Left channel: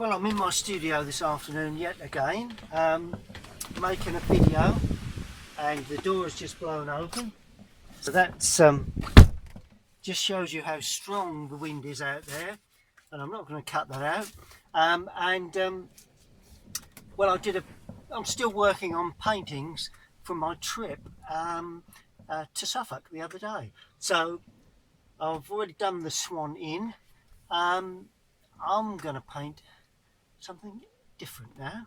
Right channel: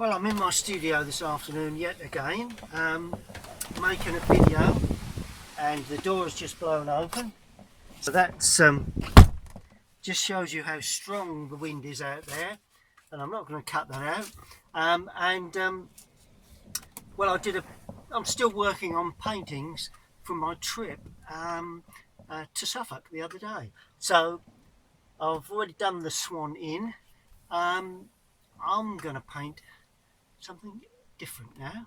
Well, I'm in my studio this afternoon yet again, making a video, and the door has just blown open. So that's just shows you how strong the wind is out there, and I'm not going to cut that out. Well, I'm still working on paintings from my trip to Suffolk the other day. So I've already done the Swan Inn. I'm going to paint something different now.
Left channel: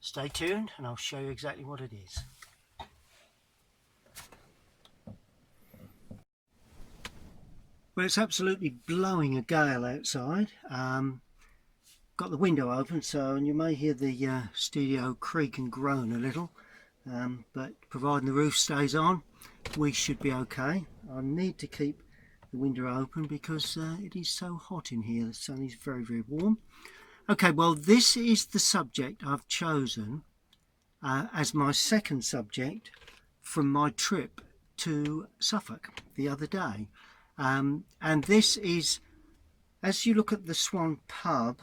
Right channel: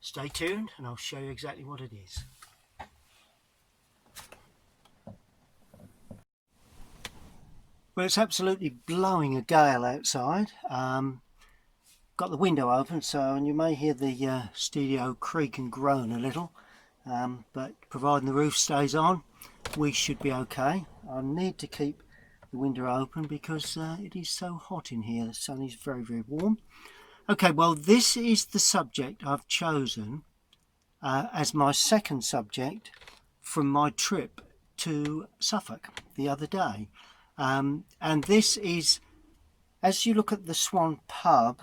Stay tuned and I'll show you exactly what it is. Well, it's absolutely blowing a gale outside. Got the window open, so you may hear the studio creak and groan a little, but providing the roof stays on, we should be okay. I need to keep the window open because it is so hot in here. The sun is very, very warm. Okay, well, this is the subject I've chosen as my second subject from my trip to Suffolk the other day. And this is, as you look at the Swan pub,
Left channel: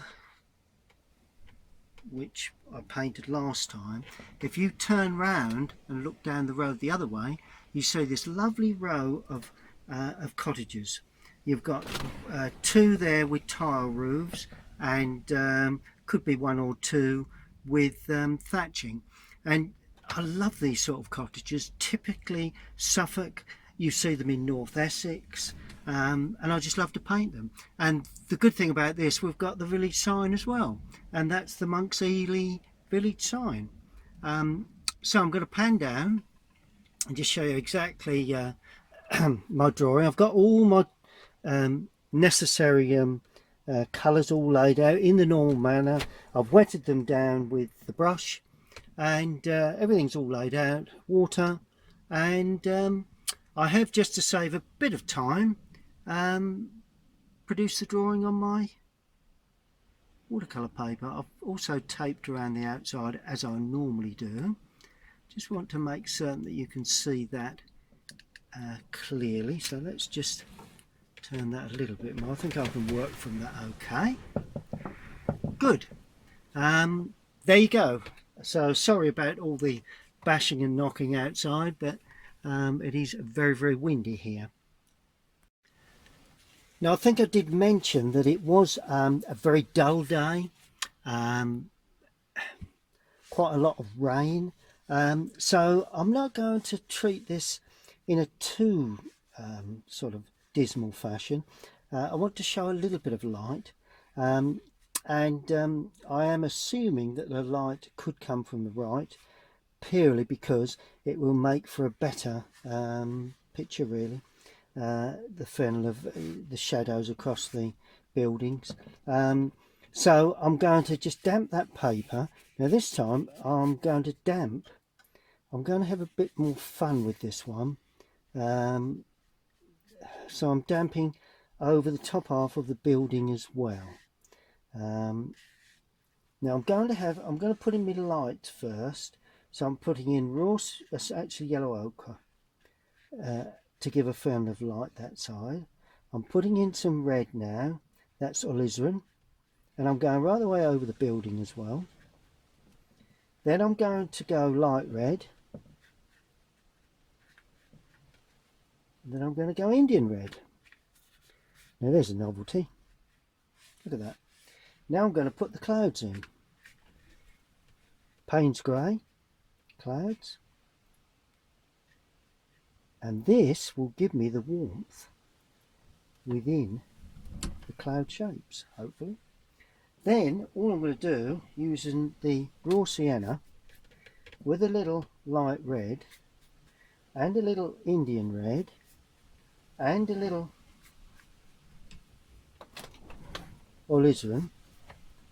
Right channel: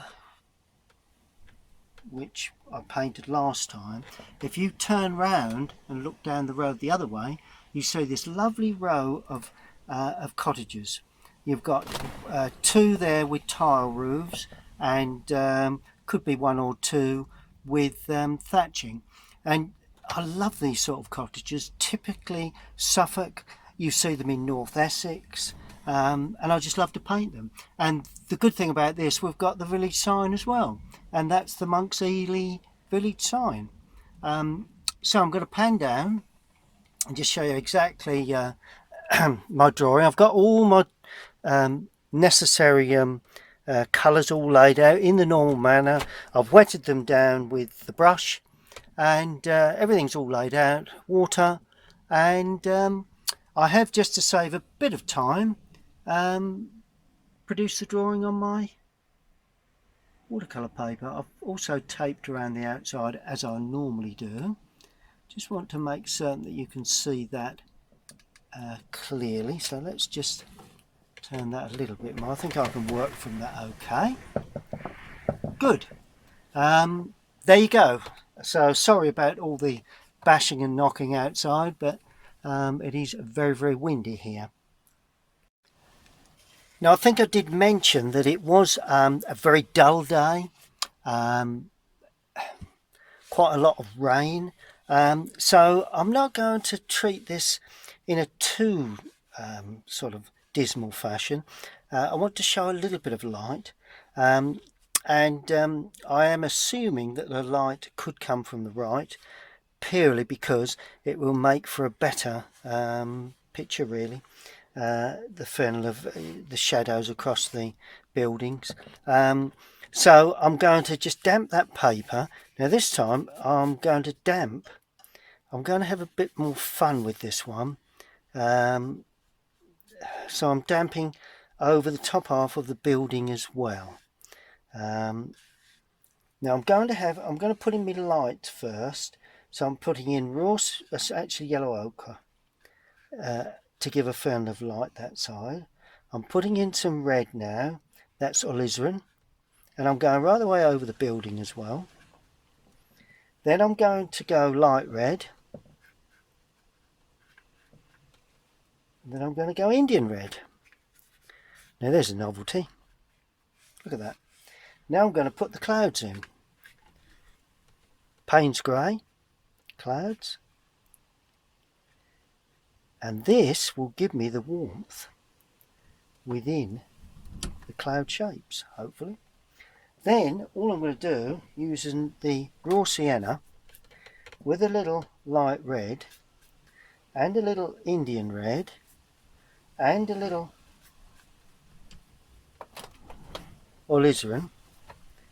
which I painted last time, if you turn round and look down the road the other way, you see this lovely row of cottages. You've got two there with tile roofs, and could be one or two with thatching. And I love these sort of cottages. Typically Suffolk, you see them in North Essex, and I just love to paint them. And the good thing about this, we've got the village sign as well, and that's the Monks Eleigh village sign. So I'm going to pan down and just show you exactly my drawing. I've got all my necessary colours all laid out in the normal manner. I've wetted them down with the brush, and everything's all laid out, water, and I have, just to save a bit of time, produced the drawing on my watercolour paper. I've also taped around the outside as I normally do. Just want to make certain that you can see that clearly, so let's just turn that a little bit more. I think I can work from that okay. Good. There you go. So sorry about all the bashing and knocking outside, but it is very, very windy here. Now, I think I did mention that it was a very dull day, quite a lot of rain, so I'm not going to treat this in a too sort of dismal fashion. I want to show a little bit of light, and I am assuming that the light could come from the right, purely because it will make for a better picture, really. The fennel of the shadows across the buildings. So I'm going to just damp that paper. Now this time I'm going to have a bit more fun with this one. So I'm damping over the top half of the building as well. Now I'm going to put in my light first. So I'm putting in raw, actually yellow ochre, to give a fern of light that side. I'm putting in some red now, that's alizarin, and I'm going right the way over the building as well. Then I'm going to go light red, and then I'm going to go Indian red. Now there's a novelty, look at that. Now I'm going to put the clouds in. Payne's grey, clouds, and this will give me the warmth within the cloud shapes, hopefully. Then all I'm going to do, using the raw sienna with a little light red and a little Indian red and a little alizarin,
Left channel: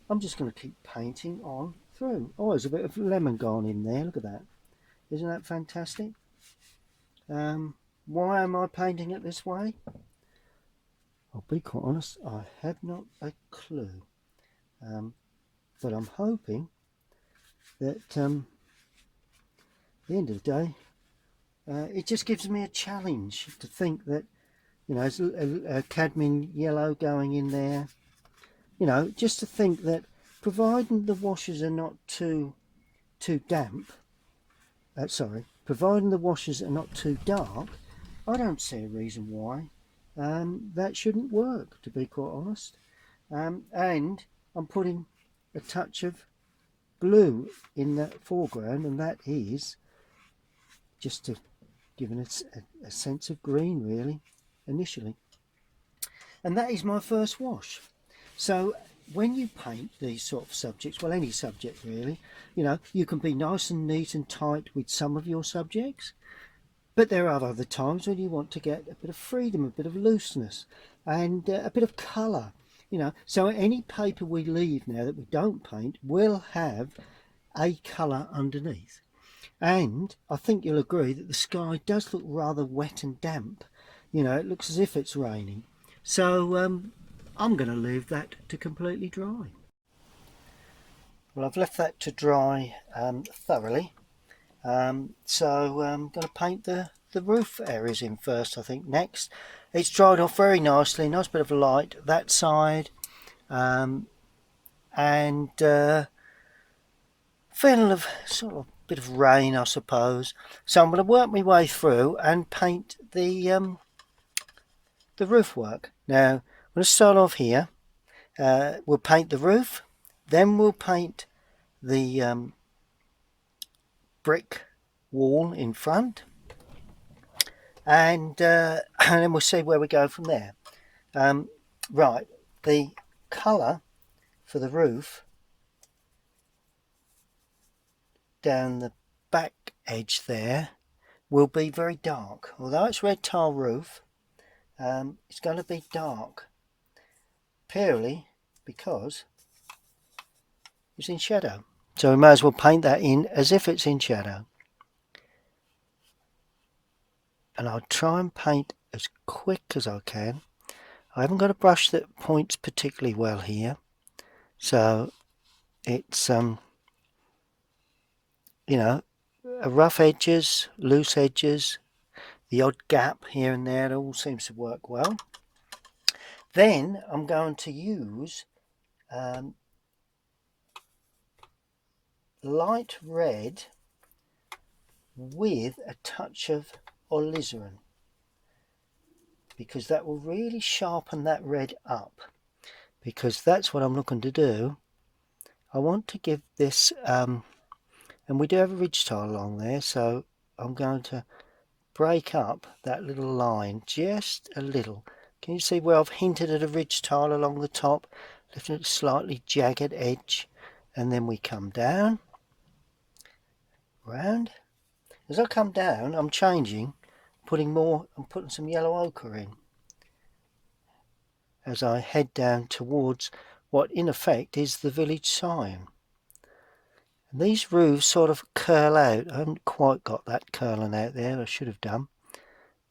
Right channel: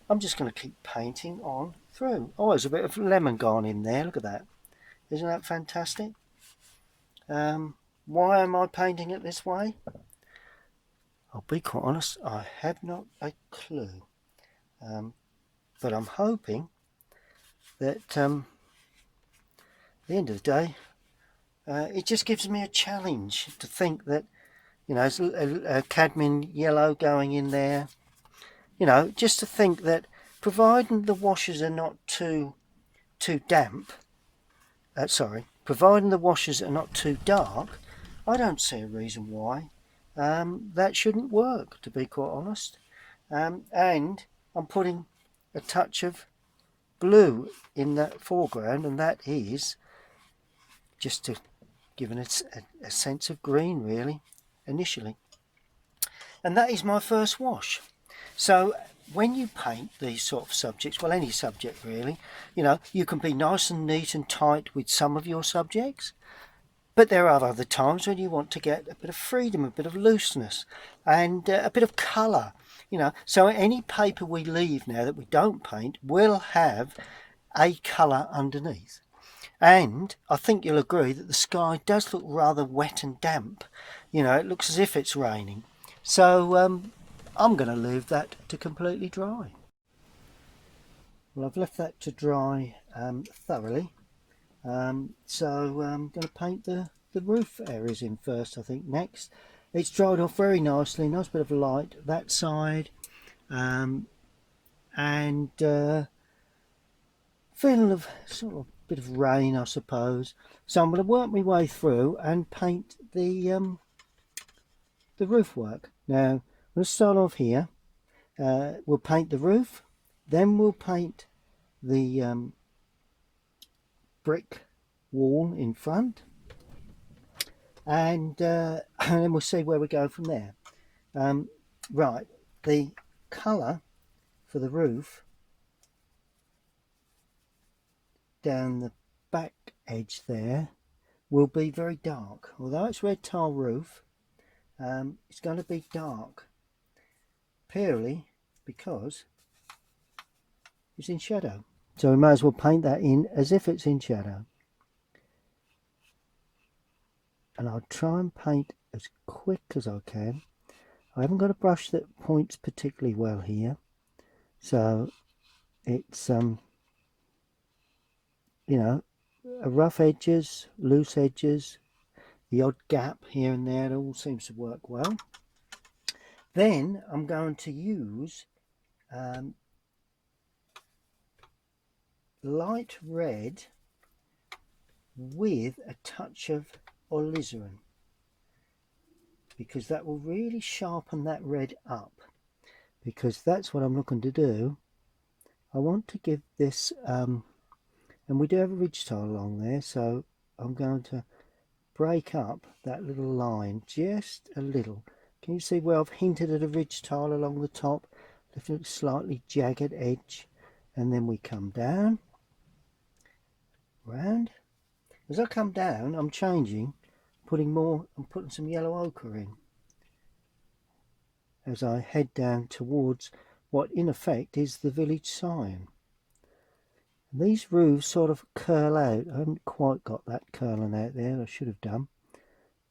I'm just going to keep painting on through. Oh, there's a bit of lemon gone in there, look at that. Isn't that fantastic? Why am I painting it this way? I'll be quite honest, I have not a clue. But I'm hoping that at the end of the day, it just gives me a challenge to think that You know, there's a cadmium yellow going in there. You know, just to think that providing the washes are not too damp, providing the washes are not too dark, I don't see a reason why that shouldn't work, to be quite honest. And I'm putting a touch of blue in that foreground, and that is just to give it a sense of green, really, initially. And that is my first wash. So when you paint these sort of subjects, well, any subject really, you know, you can be nice and neat and tight with some of your subjects, but there are other times when you want to get a bit of freedom, a bit of looseness, and a bit of colour. You know, so any paper we leave now that we don't paint will have a colour underneath. And I think you'll agree that the sky does look rather wet and damp. You know, it looks as if it's raining. So I'm going to leave that to completely dry. Well, I've left that to dry thoroughly. So I'm going to paint the roof areas in first, I think, next. It's dried off very nicely, nice bit of light that side, and feeling of sort of bit of rain, I suppose. So I'm going to work my way through and paint the roof work. Now I'm going to start off here. We'll paint the roof, then we'll paint the brick wall in front, and then we'll see where we go from there. Right, the colour for the roof down the back edge there will be very dark. Although it's red tile roof, it's going to be dark, purely because it's in shadow. So we may as well paint that in as if it's in shadow. And I'll try and paint as quick as I can. I haven't got a brush that points particularly well here, so it's you know, rough edges, loose edges, the odd gap here and there, it all seems to work well. Then I'm going to use light red with a touch of alizarin, because that will really sharpen that red up, because that's what I'm looking to do. I want to give this and we do have a ridge tile along there, so I'm going to break up that little line just a little. Can you see where I've hinted at a ridge tile along the top, lifting a slightly jagged edge, and then we come down round. As I come down, I'm changing, I'm putting some yellow ochre in as I head down towards what in effect is the village sign. And these roofs sort of curl out. I haven't quite got that curling out there, I should have done,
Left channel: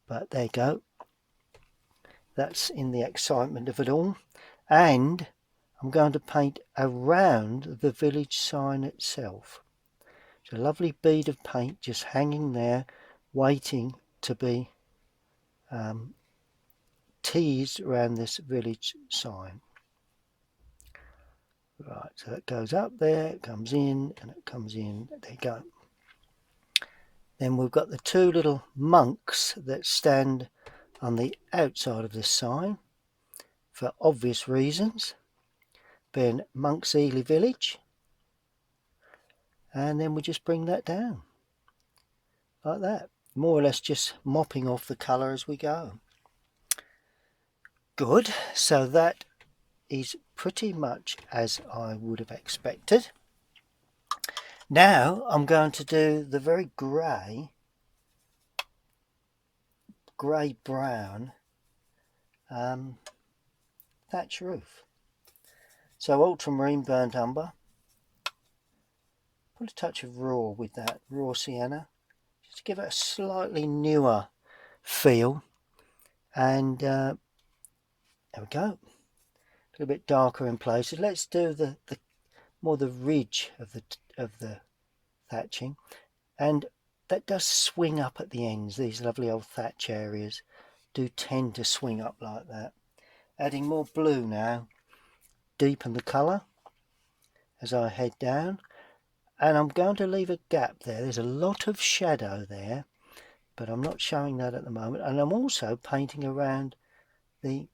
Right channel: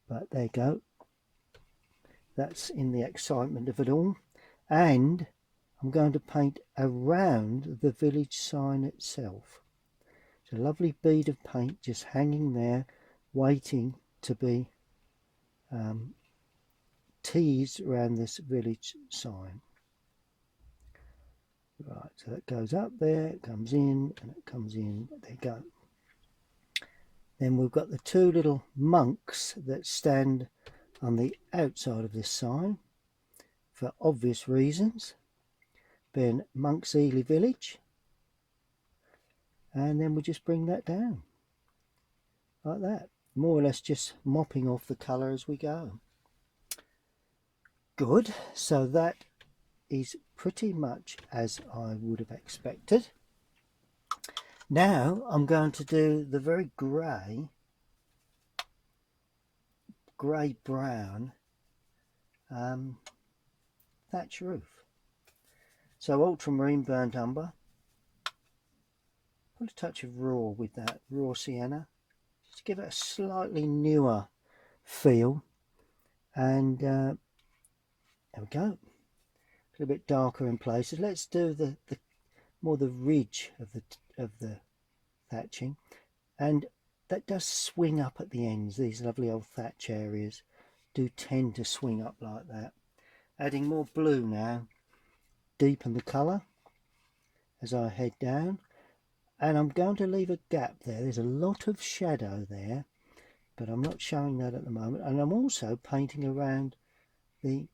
but there you go. That's in the excitement of it all. And I'm going to paint around the village sign itself. It's a lovely bead of paint just hanging there, waiting to be teased around this village sign. Right, so that goes up there, it comes in, and it comes in. There you go. Then we've got the two little monks that stand on the outside of this sign for obvious reasons, being Monks Eleigh village. And then we just bring that down like that, more or less just mopping off the colour as we go. Good, so that is pretty much as I would have expected. Now I'm going to do the very grey brown thatch roof. So ultramarine burnt umber, put a touch of raw with that, raw sienna, just to give it a slightly newer feel. And there we go, a little bit darker in places. Let's do the more the ridge of the thatching, and that does swing up at the ends, these lovely old thatch areas, do tend to swing up like that. Adding more blue now, deepen the colour as I head down, and I'm going to leave a gap there. There's a lot of shadow there, but I'm not showing that at the moment. And I'm also painting around the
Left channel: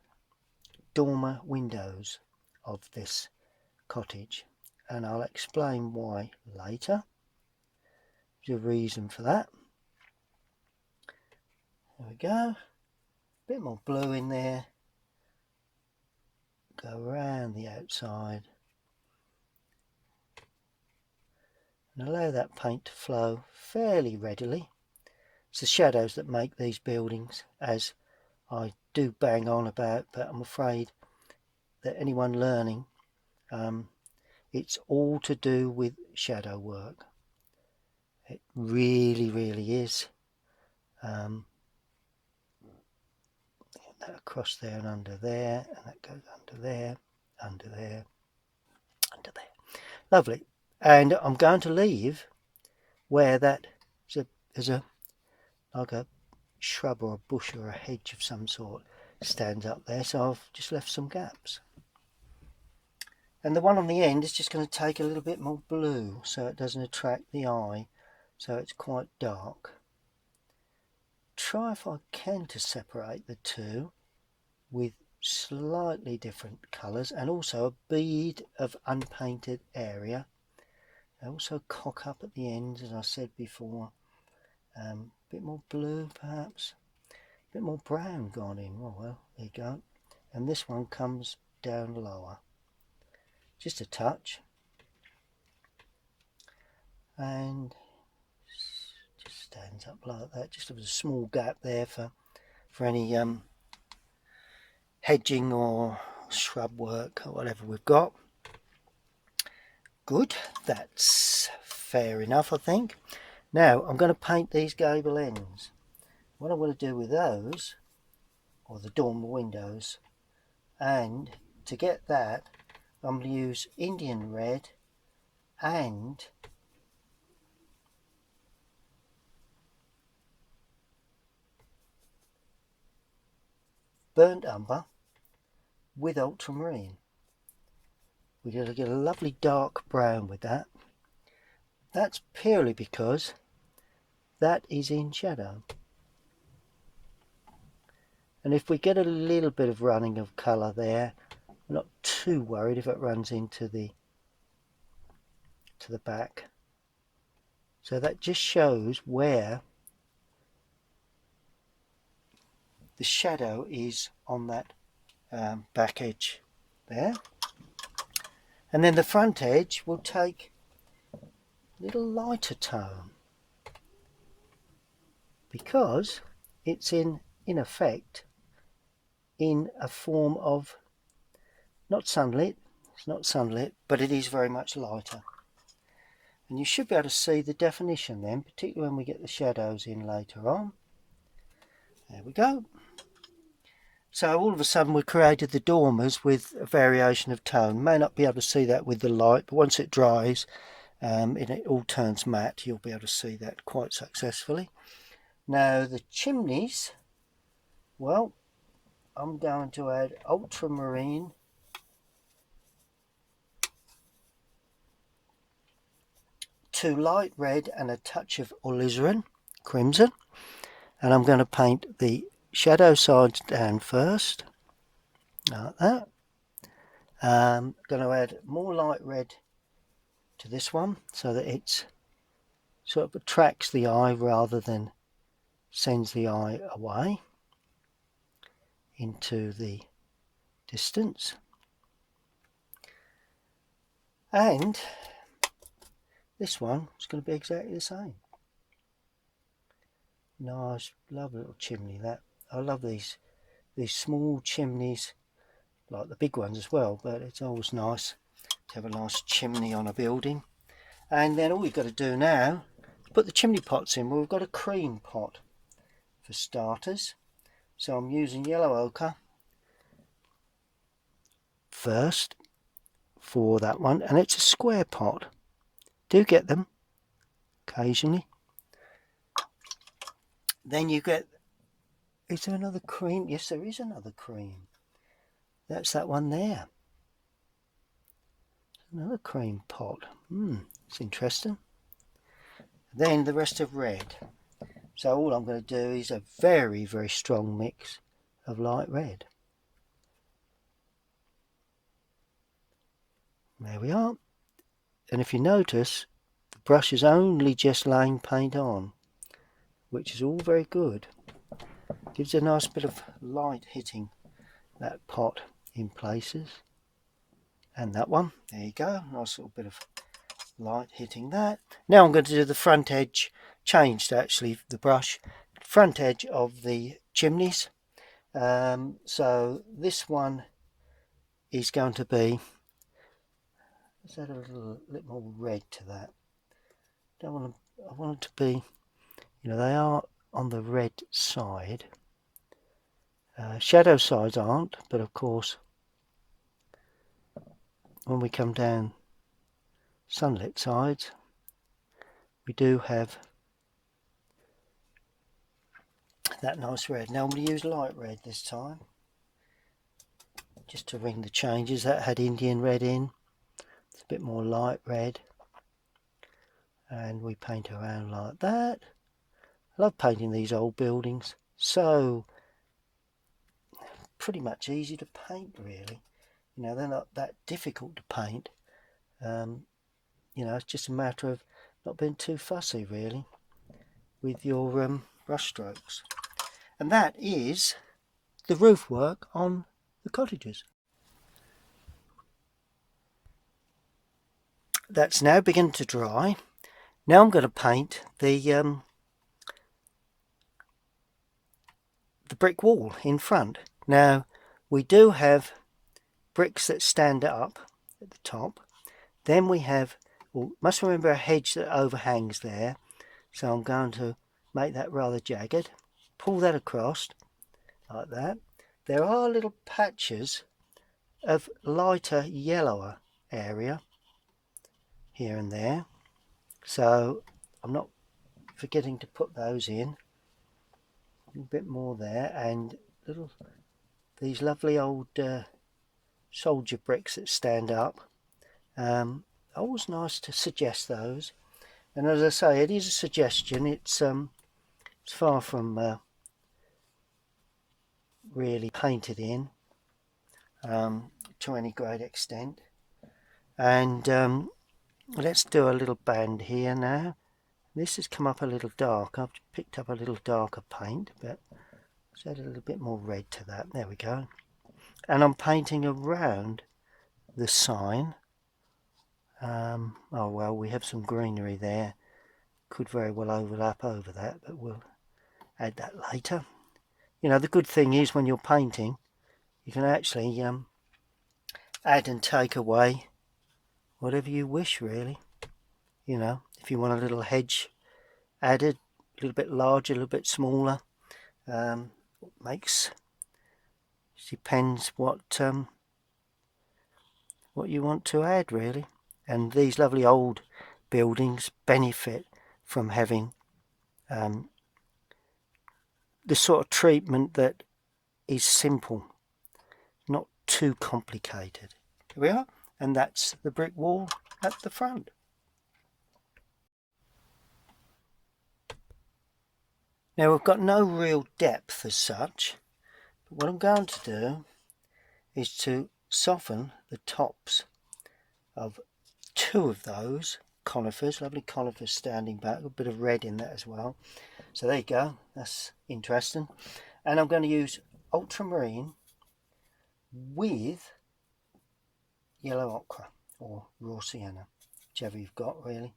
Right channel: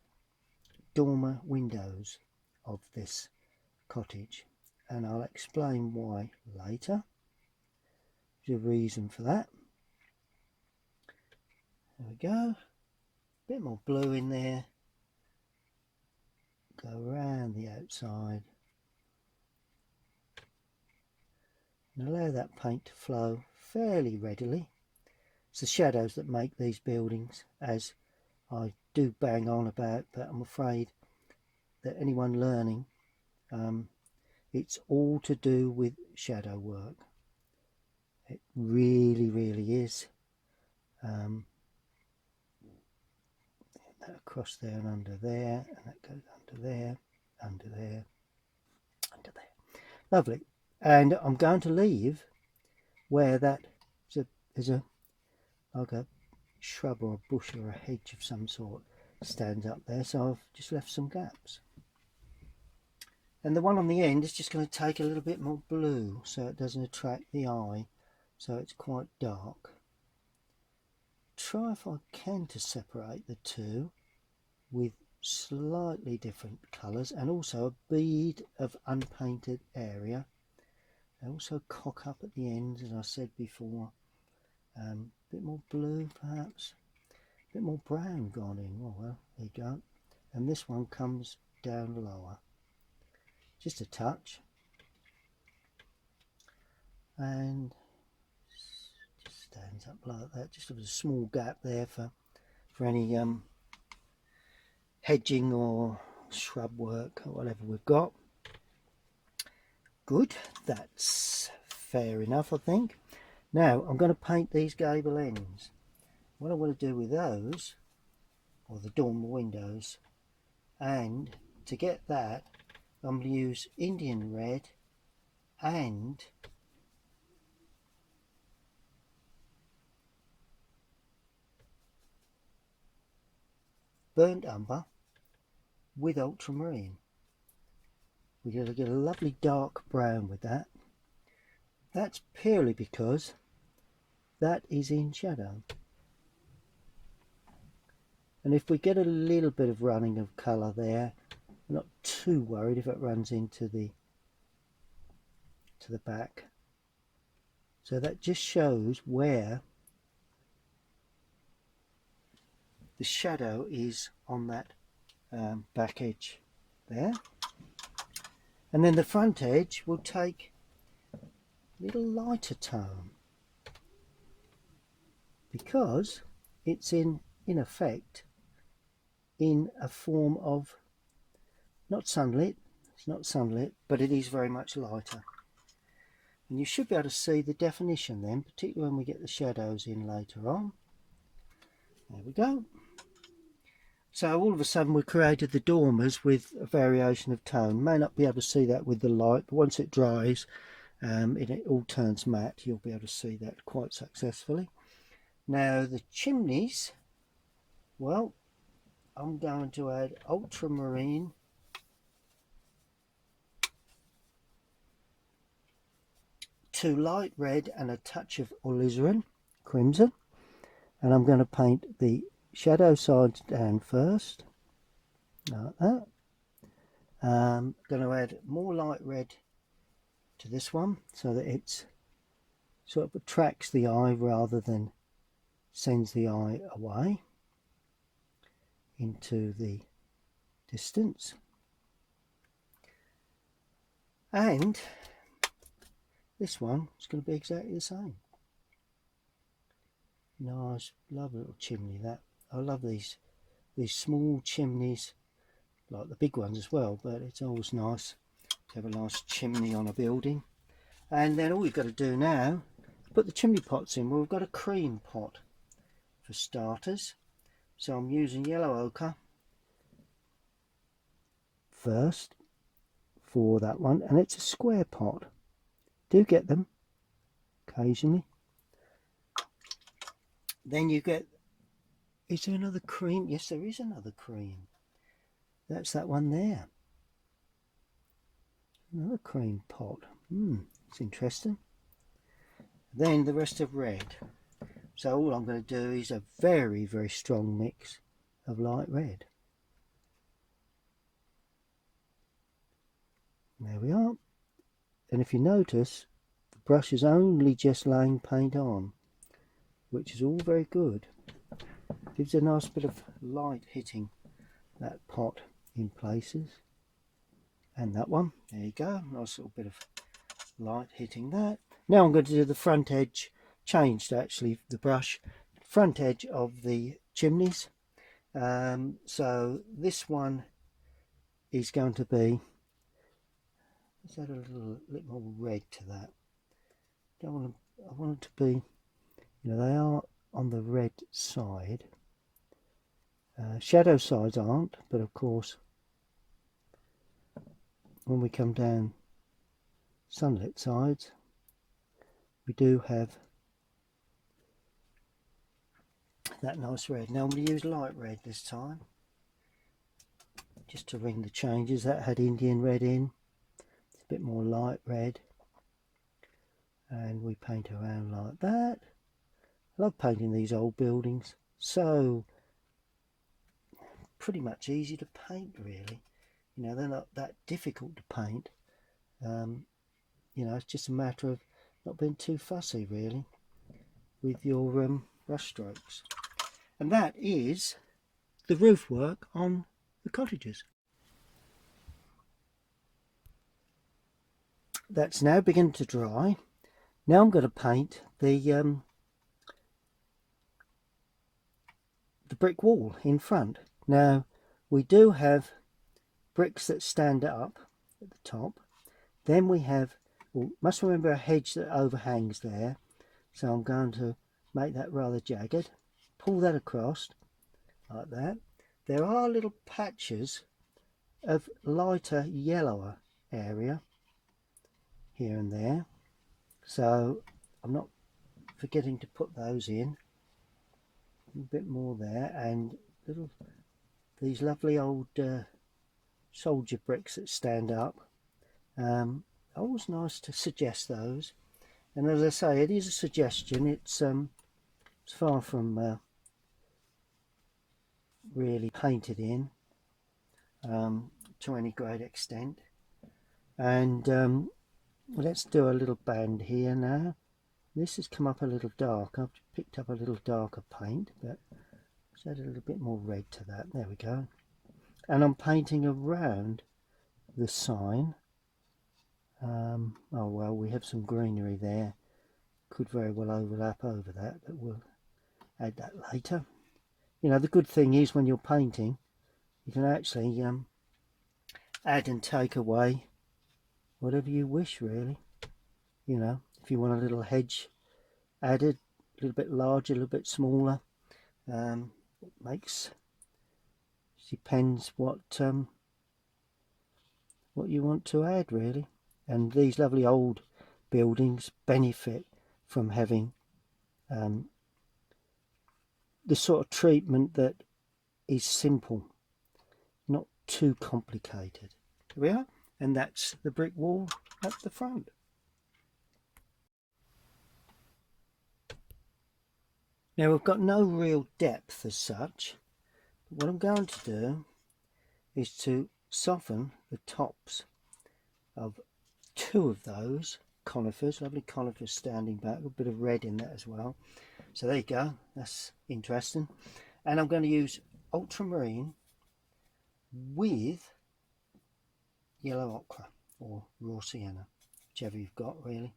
dormer windows of this cottage, and I'll explain why later. There's a reason for that. There we go. A bit more blue in there. Go around the outside and allow that paint to flow fairly readily. It's the shadows that make these buildings, as I do bang on about, but I'm afraid that anyone learning, it's all to do with shadow work. It really, really is. That across there and under there, and that goes under there, under there, under there. Lovely. And I'm going to leave where that there's a like a shrub or a bush or a hedge of some sort stands up there, so I've just left some gaps. And the one on the end is just going to take a little bit more blue so it doesn't attract the eye, so it's quite dark. Try if I can to separate the two with slightly different colours, and also a bead of unpainted area. I also cock up at the ends, as I said before. A bit more blue perhaps, a bit more brown gone in. Oh well, there you go. And this one comes down lower, just a touch, and just stands up like that. Just a small gap there for any hedging or shrub work or whatever we've got. Good, that's fair enough, I think. Now I'm going to paint these gable ends. What I want to do with those, or the dormer windows, and to get that I'm going to use Indian red and burnt umber with ultramarine. We're going to get a lovely dark brown with that. That's purely because that is in shadow. And if we get a little bit of running of colour there, I'm not too worried if it runs into the back. So that just shows where the shadow is on that back edge there. And then the front edge will take a little lighter tone, because it's in effect in a form of not sunlit. It's not sunlit, but it is very much lighter. And you should be able to see the definition then, particularly when we get the shadows in later on. There we go. So all of a sudden we created the dormers with a variation of tone. May not be able to see that with the light, but once it dries and it all turns matte, you'll be able to see that quite successfully. Now the chimneys, well, I'm going to add ultramarine to light red and a touch of alizarin, crimson, and I'm going to paint the shadow sides down first, like that. I'm going to add more light red to this one so that it sort of attracts the eye rather than sends the eye away into the distance. And this one is going to be exactly the same. Nice, lovely little chimney. That I love these small chimneys, like the big ones as well, but it's always nice to have a nice chimney on a building. And then all we've got to do now is put the chimney pots in. Well, we've got a cream pot for starters, so I'm using yellow ochre first for that one, and it's a square pot. Do get them occasionally. Then you get Is there another cream? Yes, there is another cream. That's that one there. Another cream pot. It's interesting. Then the rest of red. So all I'm going to do is a very, very strong mix of light red. There we are. And if you notice, the brush is only just laying paint on, which is all very good. Gives a nice bit of light hitting that pot in places. And that one, there you go, nice little bit of light hitting that. Now I'm going to do the front edge, changed actually the brush, front edge of the chimneys. So this one is going to be, let's add a little more red to that. I want it to be, you know, they are on the red side. Shadow sides aren't, but of course when we come down sunlit sides we do have that nice red. Now I'm going to use light red this time just to ring the changes. That had Indian red in, it's a bit more light red, and we paint around like that. I love painting these old buildings, so pretty much easy to paint really. You know, they're not that difficult to paint. You know, it's just a matter of not being too fussy really with your brush strokes. And that is the roof work on the cottages. That's now beginning to dry. Now I'm going to paint the brick wall in front. Now we do have bricks that stand up at the top. Then we have, well, must remember a hedge that overhangs there. So I'm going to make that rather jagged. Pull that across like that. There are little patches of lighter yellower area here and there. So I'm not forgetting to put those in. A bit more there, and these lovely old soldier bricks that stand up. Always nice to suggest those. And as I say, it is a suggestion. It's far from really painted in to any great extent. And let's do a little band here now. This has come up a little dark. I've picked up a little darker paint, but let's add a little bit more red to that. There we go. And I'm painting around the sign. Oh well, we have some greenery there. Could very well overlap over that, but we'll add that later. You know, the good thing is when you're painting, you can actually add and take away whatever you wish really. You know, if you want a little hedge added, a little bit larger, a little bit smaller, depends what you want to add really. And these lovely old buildings benefit from having the sort of treatment that is simple, not too complicated. Here we are, and that's the brick wall at the front. Now we've got no real depth as such, but what I'm going to do is to soften the tops of two of those conifers, lovely conifers standing back, a bit of red in that as well. So there you go, that's interesting. And I'm going to use ultramarine with yellow ochre or raw sienna, whichever you've got really.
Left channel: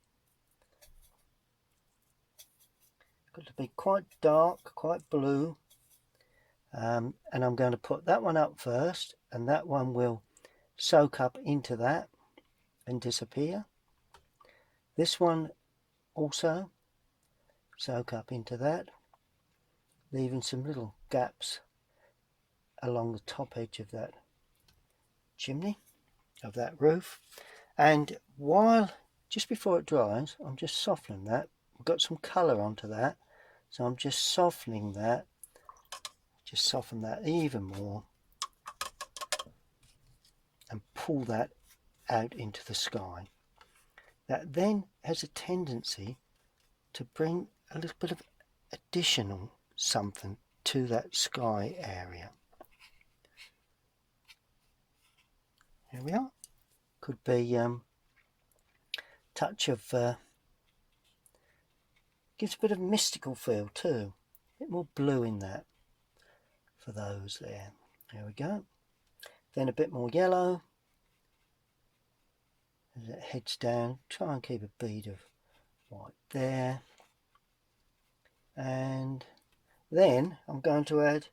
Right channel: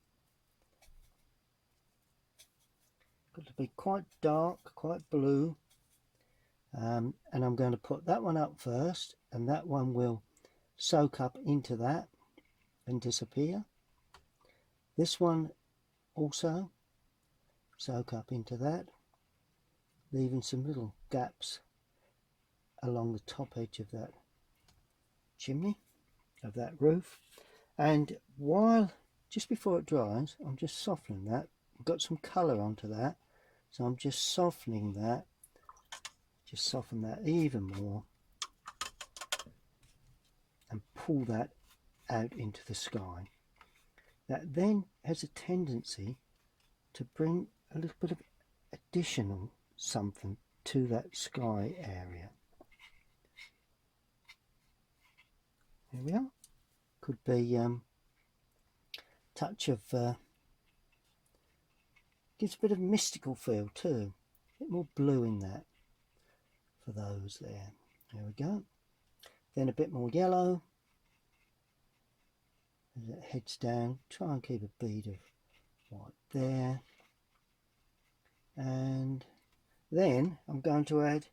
Got to be quite dark, quite blue, and I'm going to put that one up first, and that one will soak up into that and disappear. This one also soak up into that, leaving some little gaps along the top edge of that chimney, of that roof. And while, just before it dries, I'm just softening that. I've got some colour onto that, so I'm just softening that just soften that even more and pull that out into the sky. That then has a tendency to bring a little bit of additional something to that sky area. Here we are. Could be touch of gives a bit of mystical feel too. A bit more blue in that for those there. There we go. Then a bit more yellow as it heads down. Try and keep a bead of white there. And then I'm going to add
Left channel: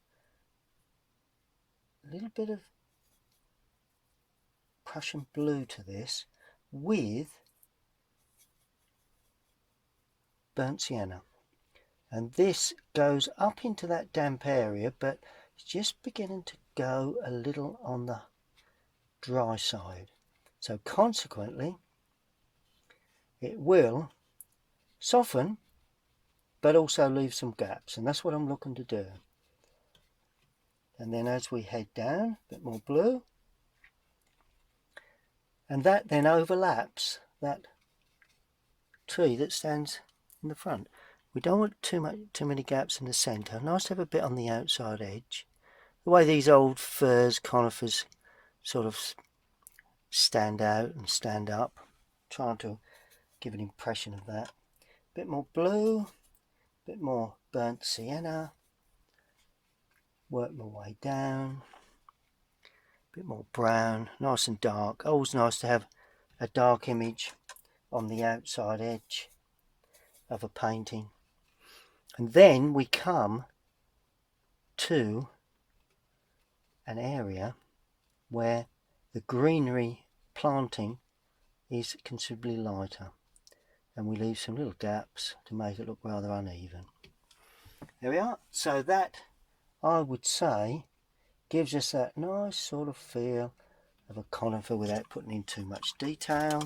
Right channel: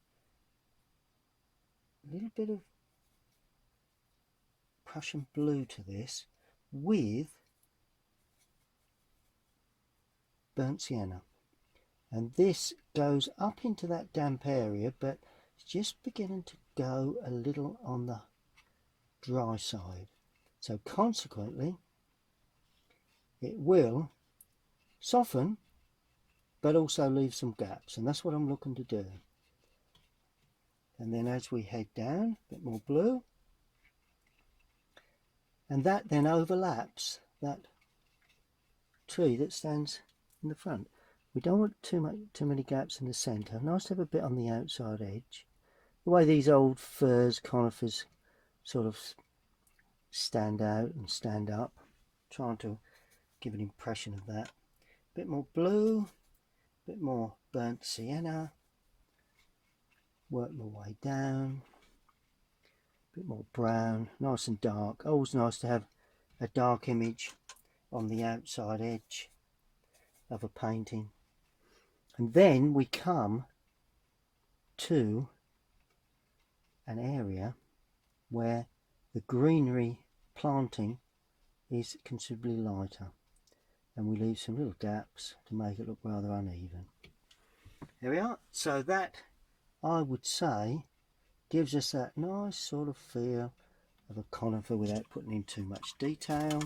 a little bit of Prussian blue to this with burnt sienna, and this goes up into that damp area, but it's just beginning to go a little on the dry side, so consequently it will soften but also leave some gaps, and that's what I'm looking to do. And then as we head down, a bit more blue, and that then overlaps that tree that stands in the front. We don't want too many gaps in the centre. Nice to have a bit on the outside edge. The way these old firs, conifers sort of stand out and stand up. Trying to give an impression of that. A bit more blue, a bit more burnt sienna. Work my way down. A bit more brown, nice and dark. Always nice to have a dark image on the outside edge of a painting. And then we come to an area where the greenery planting is considerably lighter, and we leave some little gaps to make it look rather uneven. There we are. So that, I would say, gives us that nice sort of feel of a conifer without putting in too much detail.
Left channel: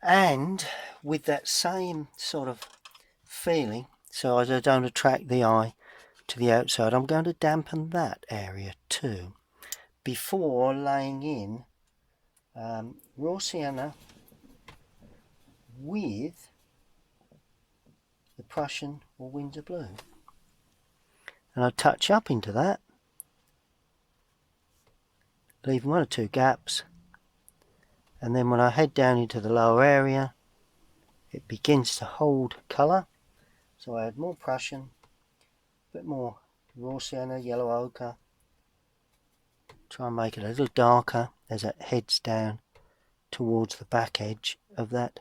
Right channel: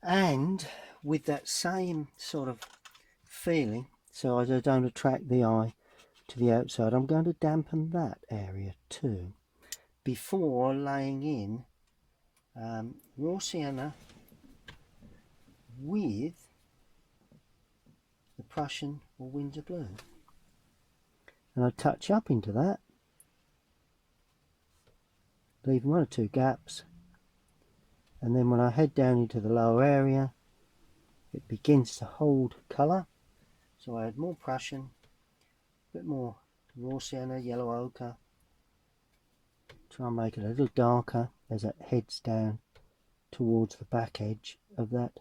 And with that same sort of feeling, so as I don't attract the eye to the outside, I'm going to dampen that area too before laying in raw sienna with the Prussian or Windsor blue. And I touch up into that, leaving 1 or 2 gaps. And then when I head down into the lower area, it begins to hold colour. So I add more Prussian, a bit more raw sienna, yellow ochre. Try and make it a little darker as it heads down towards the back edge of that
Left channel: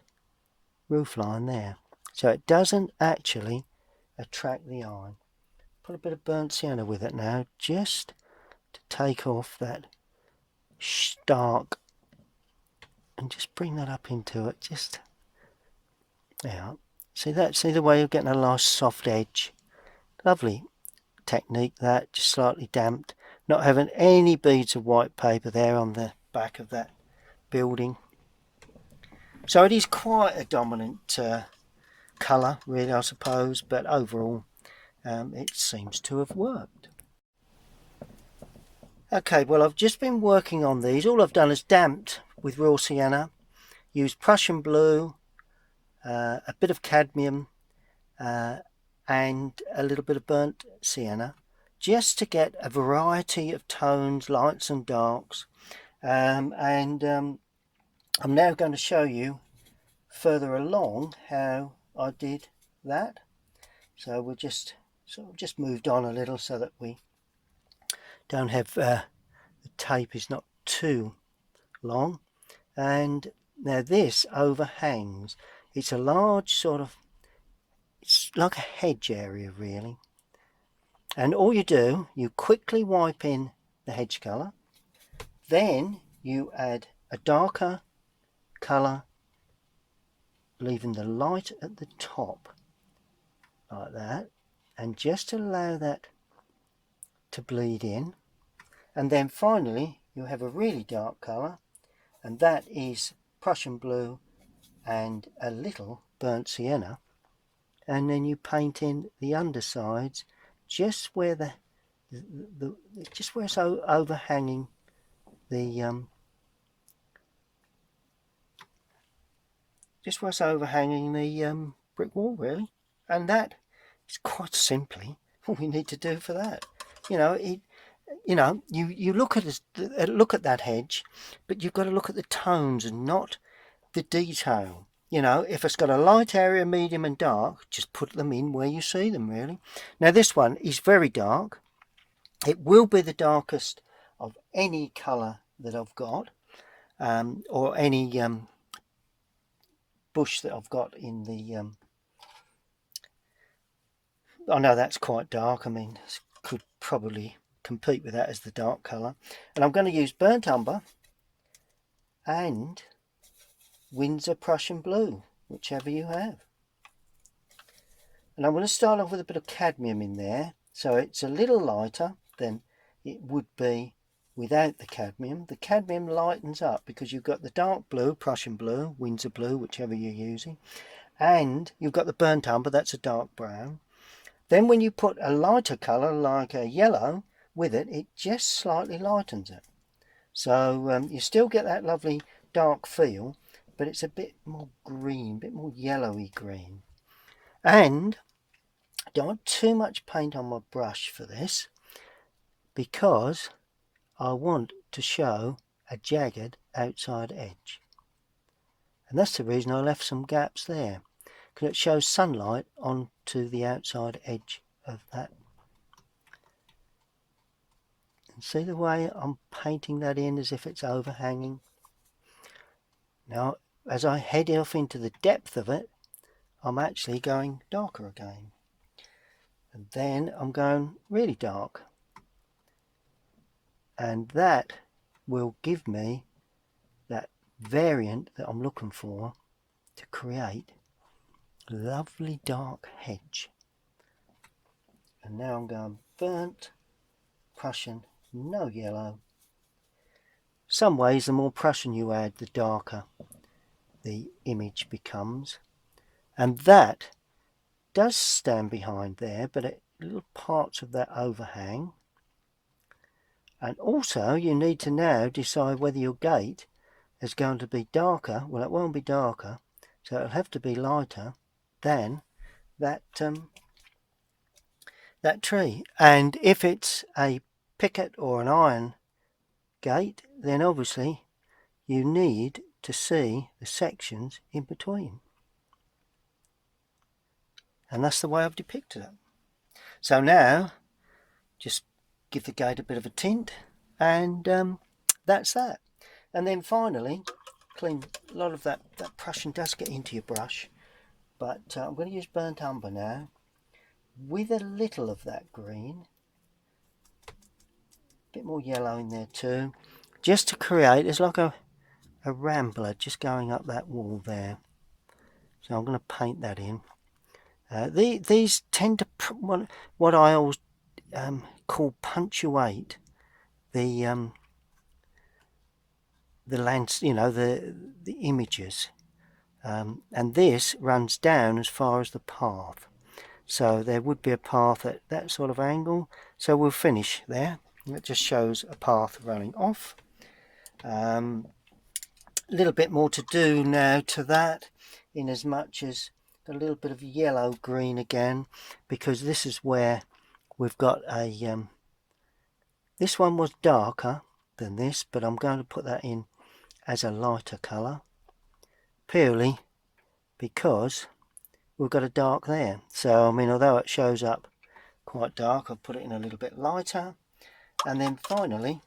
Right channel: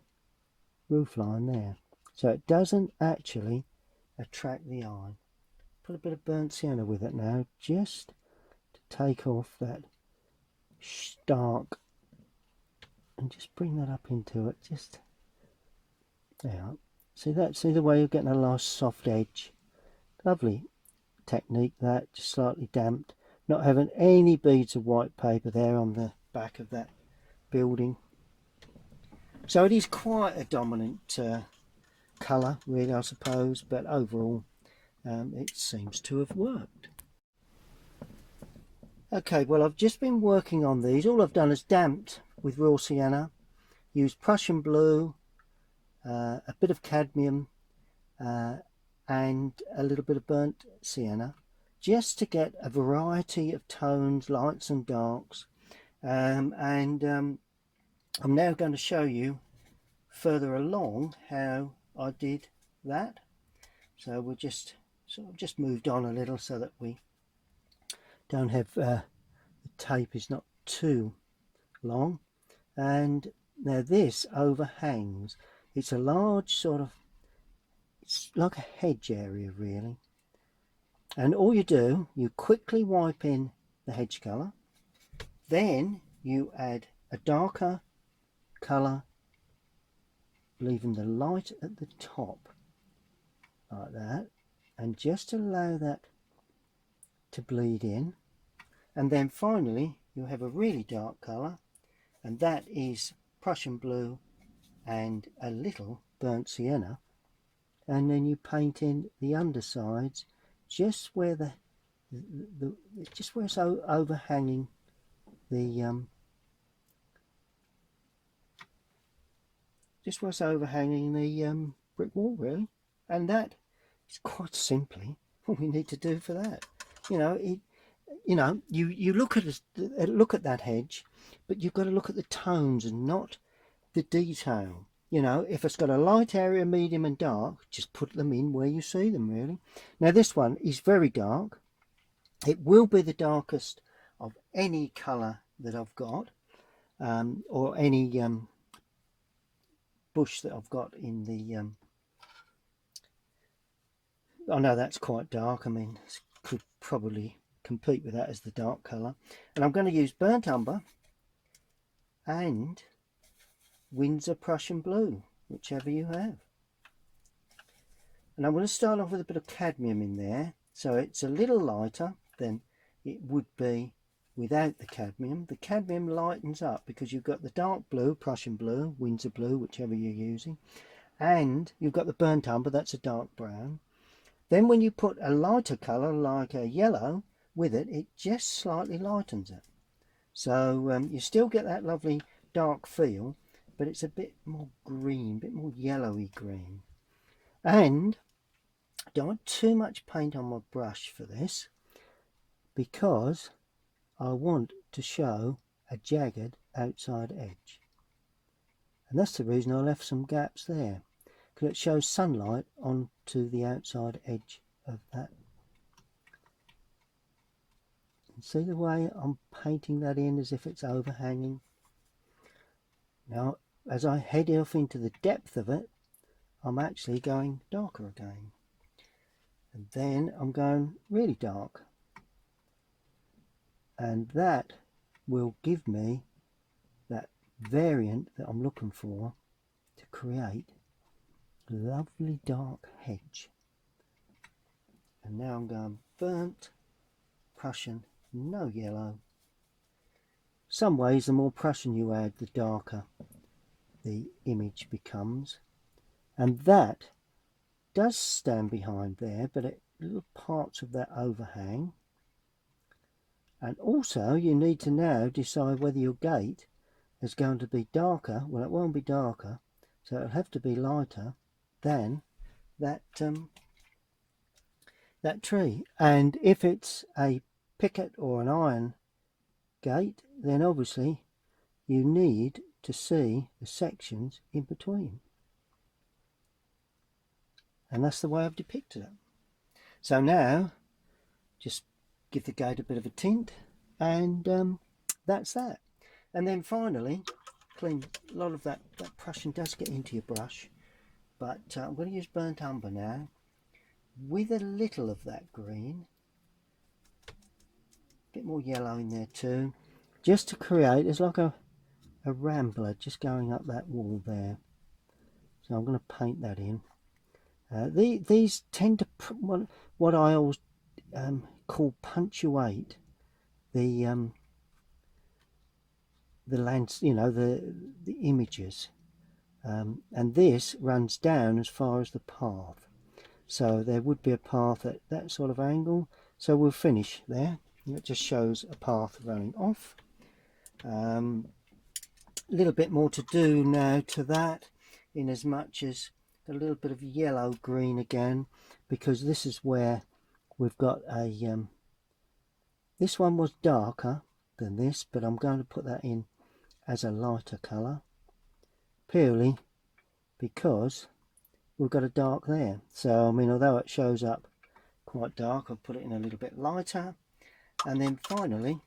roof line there. So it doesn't actually attract the eye. Put a bit of burnt sienna with it now, just to take off that stark, and just bring that up into it. Just yeah. See that? See the way you're getting a nice soft edge. Lovely technique that, just slightly damped. Not having any beads of white paper there on the back of that building. So it is quite a dominant colour, really, I suppose, but overall it seems to have worked. Okay, well, I've just been working on these. All I've done is damped with raw sienna, used Prussian blue, a bit of cadmium, and a little bit of burnt sienna, just to get a variety of tones, lights and darks. I'm now going to show you further along how I did that. So we'll just moved on a little so that we don't have the tape is not too long. And now this overhangs. It's a large sort of, it's like a hedge area really. And all you do, you quickly wipe in the hedge colour, then you add a darker colour, leaving the light at the top like that, and just allow that to bleed in. And then finally you have a really dark colour, and that is Prussian blue and a little burnt sienna, and then you paint in the undersides just where the just where it's overhanging the just where it's overhanging the brick wall, really. And that is quite simply what we need to do for that. You know, you look at that hedge, but you've got to look at the tones and not the detail. You know, if it's got a light area, medium and dark, just put them in where you see them, really. Now this one is very dark. It will be the darkest of any colour that I've got, or any bush that I've got in the oh no, that's quite dark. I mean, could probably compete with that as the dark colour. And I'm going to use burnt umber and Windsor Prussian blue, whichever you have. And I'm going to start off with a bit of cadmium in there, so it's a little lighter than it would be without the cadmium. The cadmium lightens up because you've got the dark blue, Prussian blue, Windsor blue, whichever you're using, and you've got the burnt umber, that's a dark brown. Then when you put a lighter colour like a yellow with it, it just slightly lightens it. So you still get that lovely dark feel, but it's a bit more green, a bit more yellowy green. And I don't want too much paint on my brush for this, because I want to show a jagged outside edge. And that's the reason I left some gaps there, because it shows sunlight onto the outside edge of that. And see the way I'm painting that in as if it's overhanging. Now, as I head off into the depth of it, I'm actually going darker again. And then I'm going really dark. And that will give me that variant that I'm looking for to create a lovely dark hedge. And now I'm going burnt, Prussian, no yellow. Some ways the more Prussian you add, the darker the image becomes. And that does stand behind there, but little parts of that overhang. And also you need to now decide whether your gate is going to be darker. Well, it won't be darker, so it'll have to be lighter than that that tree. And if it's a picket or an iron gate, then obviously you need to see the sections in between. And that's the way I've depicted it. So now just give the gate a bit of a tint, and that's that. And then finally clean. A lot of that Prussian does get into your brush, but I'm going to use burnt umber now with a little of that green, a bit more yellow in there too, just to create, it's like a rambler just going up that wall there. So I'm going to paint that in. These tend to what I always call punctuate the lands, you know, the images, and this runs down as far as the path. So there would be a path at that sort of angle. So we'll finish there. It just shows a path running off. A little bit more to do now to that, in as much as a little bit of yellow green again, because this is where we've got a this one was darker than this, but I'm going to put that in as a lighter colour, purely because we've got a dark there. So I mean, although it shows up quite dark, I'll put it in a little bit lighter. And then finally,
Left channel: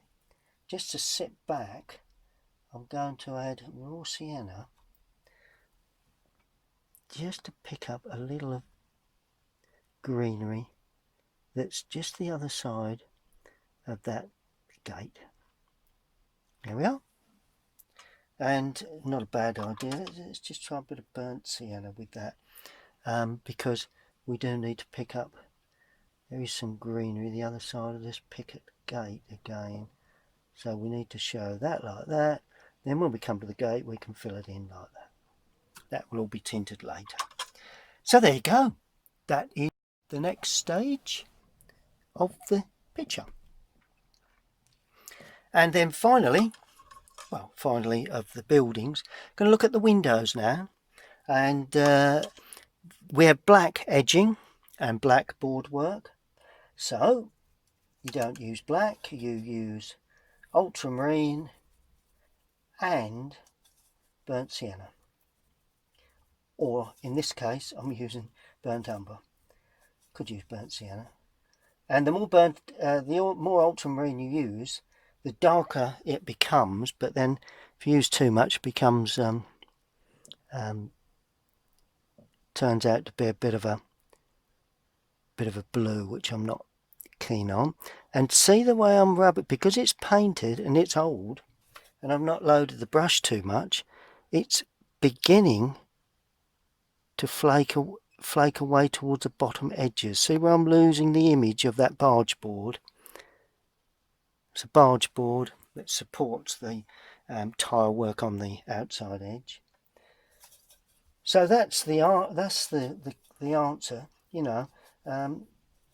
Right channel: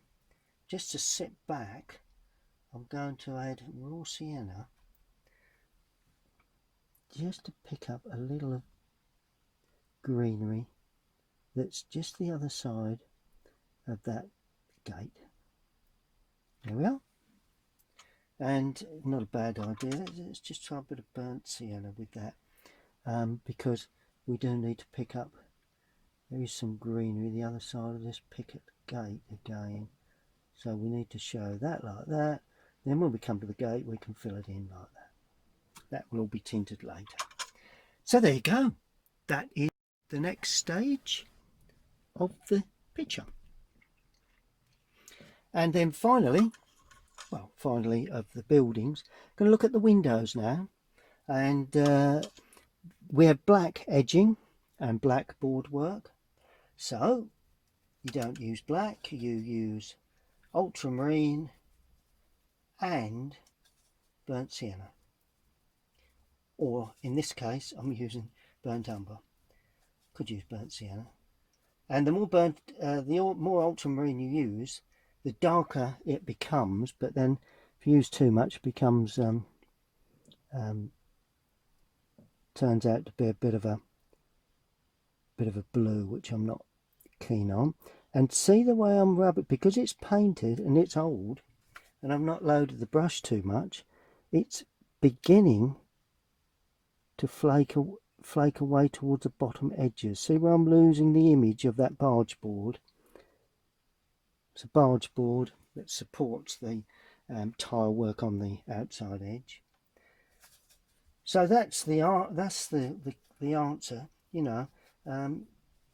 just to sit back, I'm going to add raw sienna, just to pick up a little of greenery that's just the other side of that gate. There we are. And not a bad idea, let's just try a bit of burnt sienna with that, because we do need to pick up, there is some greenery the other side of this picket gate again, so we need to show that like that. Then when we come to the gate, we can fill it in like that. That will all be tinted later. So there you go. that is the next stage of the picture. And then finally, well, finally of the buildings, going to look at the windows now. And we have black edging and black boardwork. So you don't use black, you use ultramarine and burnt sienna. Or in this case, I'm using burnt umber. Could use burnt sienna. And the more ultramarine you use, the darker it becomes. But then, if you use too much, it becomes turns out to be a bit of a blue, which I'm not keen on. And see the way I'm rubbing, because it's painted and it's old, and I've not loaded the brush too much. It's beginning to flake away towards the bottom edges. See where I'm losing the image of that barge board? It's a barge board that supports the tile work on the outside edge. So that's the answer. You know,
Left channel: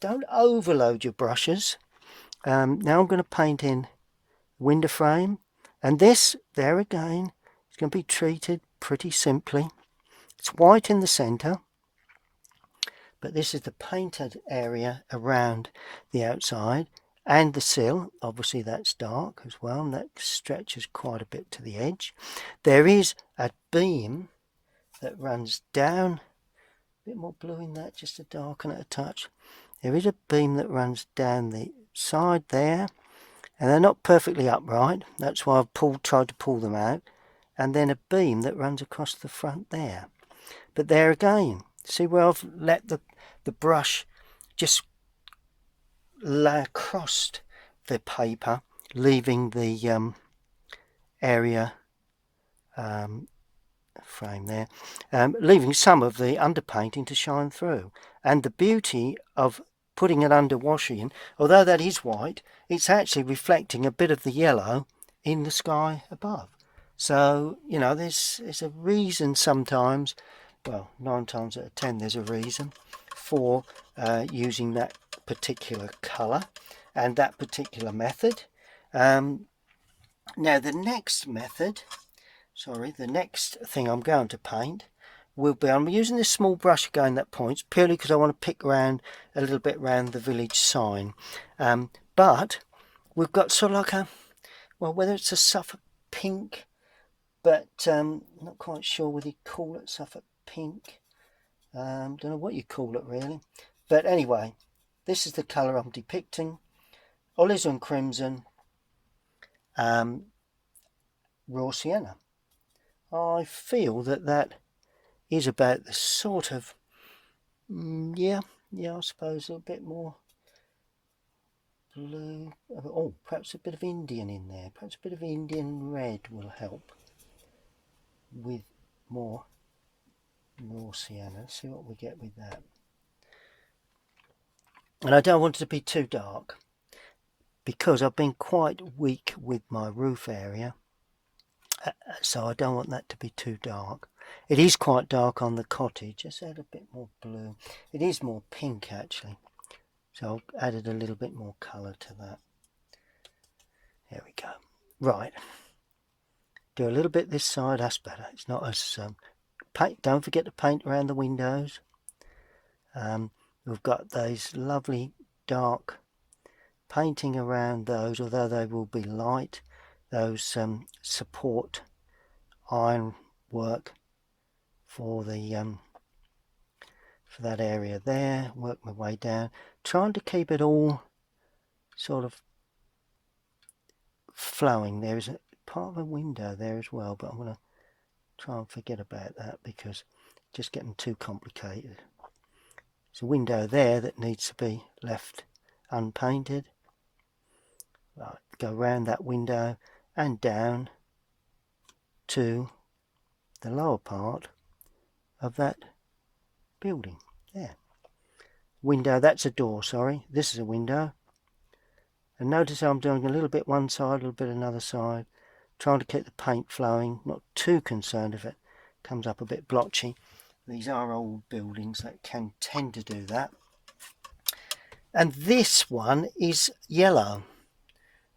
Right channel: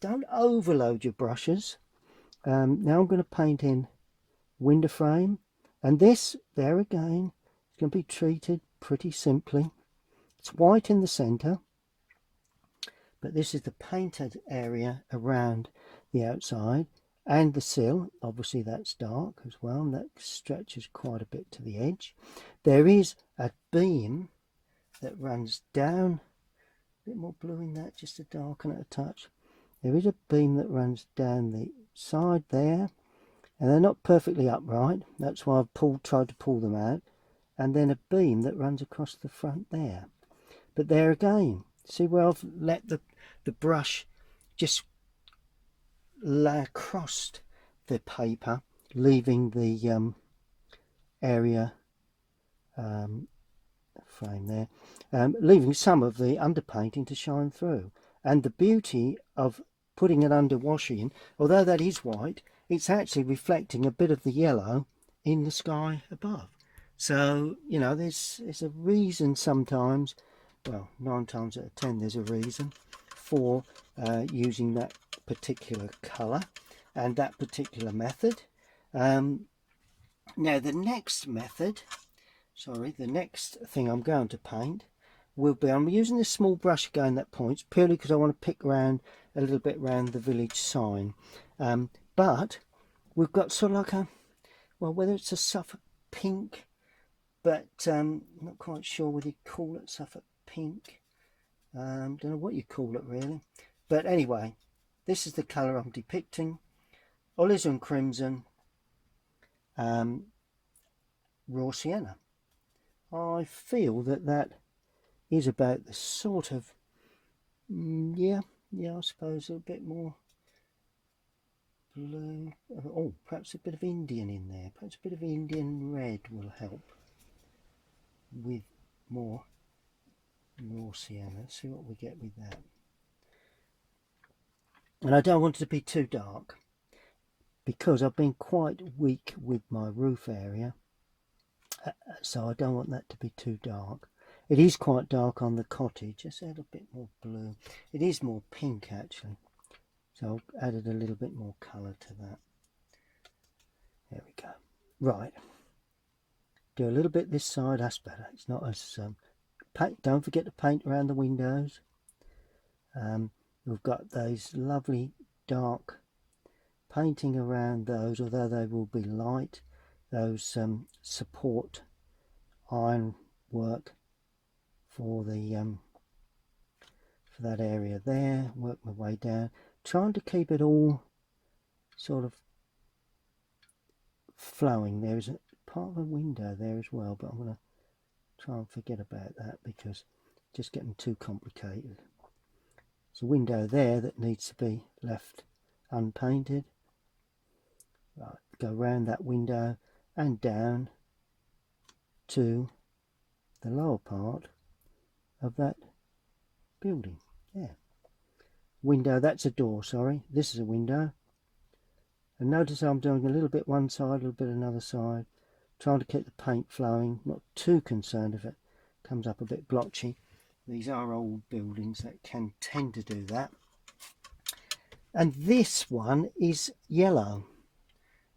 don't overload your brushes. Now I'm going to paint in window frame, and this there again is going to be treated pretty simply. It's white in the centre, but this is the painted area around the outside, and the sill, obviously that's dark as well, and that stretches quite a bit to the edge. There is a beam that runs down, a bit more blue in that, just to darken it a touch. There is a beam that runs down the side there, and they're not perfectly upright, that's why I've tried to pull them out. And then a beam that runs across the front there. But there again, see where I've let the brush just lay across the paper, leaving the area frame there, leaving some of the underpainting to shine through. And the beauty of putting it under washing, although that is white, it's actually reflecting a bit of the yellow in the sky above. So, you know, there's a reason sometimes, well, 9 times out of 10 there's a reason for using that particular colour and that particular method. Now the next thing I'm going to paint will be, I'm using this small brush again that points, purely because I want to pick around a little bit around the village sign. But we've got sort of like a, well, whether it's a Suffolk pink, but I'm not quite sure whether you call it Suffolk pink. Don't know what you call it really. But anyway, this is the colour I'm depicting. Alizarin crimson, raw sienna. I feel that is about the sort of, yeah, I suppose a bit more blue. Oh, perhaps a bit of Indian in there. Perhaps a bit of Indian red will help with more raw sienna. Let's see what we get with that. And I don't want it to be too dark, because I've been quite weak with my roof area, so I don't want that to be too dark. It is quite dark on the cottage. Let's add a bit more blue. It is more pink actually, so I've added a little bit more colour to that. There we go. Right, do a little bit this side, that's better. It's not as paint. Don't forget to paint around the windows. We've got those lovely dark painting around those, although they will be light. Those support iron work for the for that area there. Work my way down, trying to keep it all sort of flowing. There is a part of a window there as well, but I'm going to try and forget about that because it's just getting too complicated. There's a window there that needs to be left unpainted. Right, go around that window and down to the lower part of that building. There. Window, that's a door, sorry. This is a window. And notice how I'm doing a little bit one side, a little bit another side, trying to keep the paint flowing, not too concerned if it comes up a bit blotchy. These are old buildings that can tend to do that. And this one is yellow.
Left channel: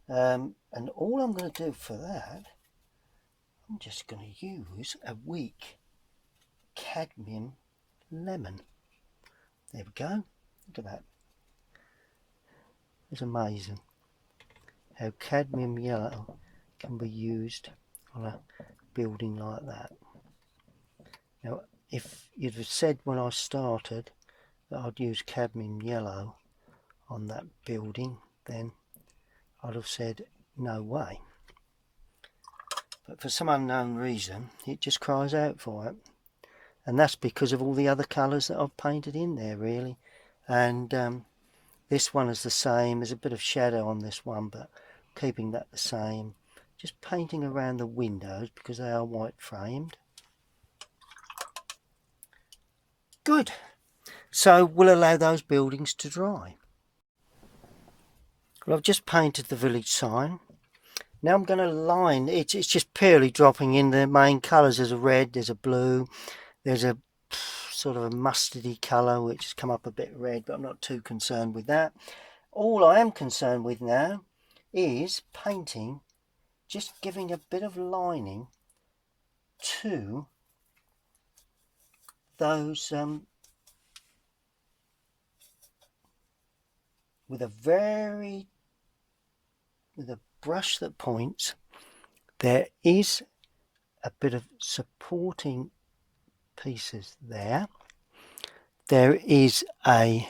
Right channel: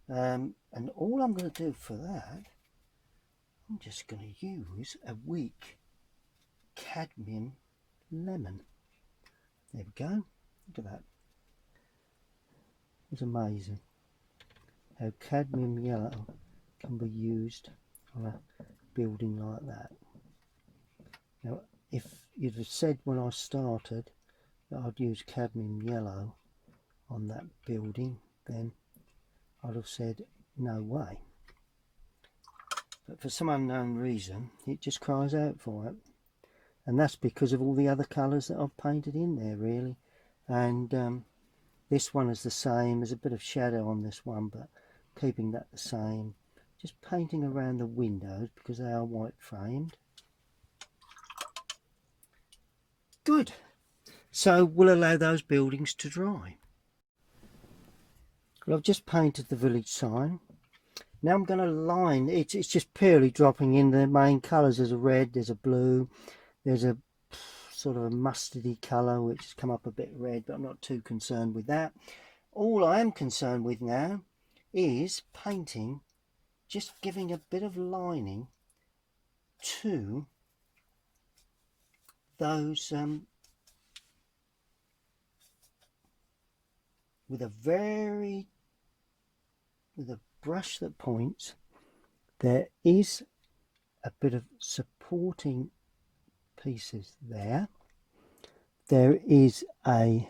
And all I'm going to do for that, I'm just going to use a weak cadmium lemon. There we go. Look at that. It's amazing how cadmium yellow can be used on a building like that. Now, if you'd have said when I started that I'd use cadmium yellow on that building, then I'd have said no way. But for some unknown reason, it just cries out for it. And that's because of all the other colours that I've painted in there, really. And this one is the same. There's a bit of shadow on this one, but keeping that the same. Just painting around the windows because they are white framed. Good. So we'll allow those buildings to dry. Well, I've just painted the village sign. Now I'm going to line, it's just purely dropping in the main colours. There's a red, there's a blue, there's a sort of a mustardy colour which has come up a bit red, but I'm not too concerned with that. All I am concerned with now is painting, just giving a bit of lining to those with a brush that points. There is a bit of supporting pieces there. There is a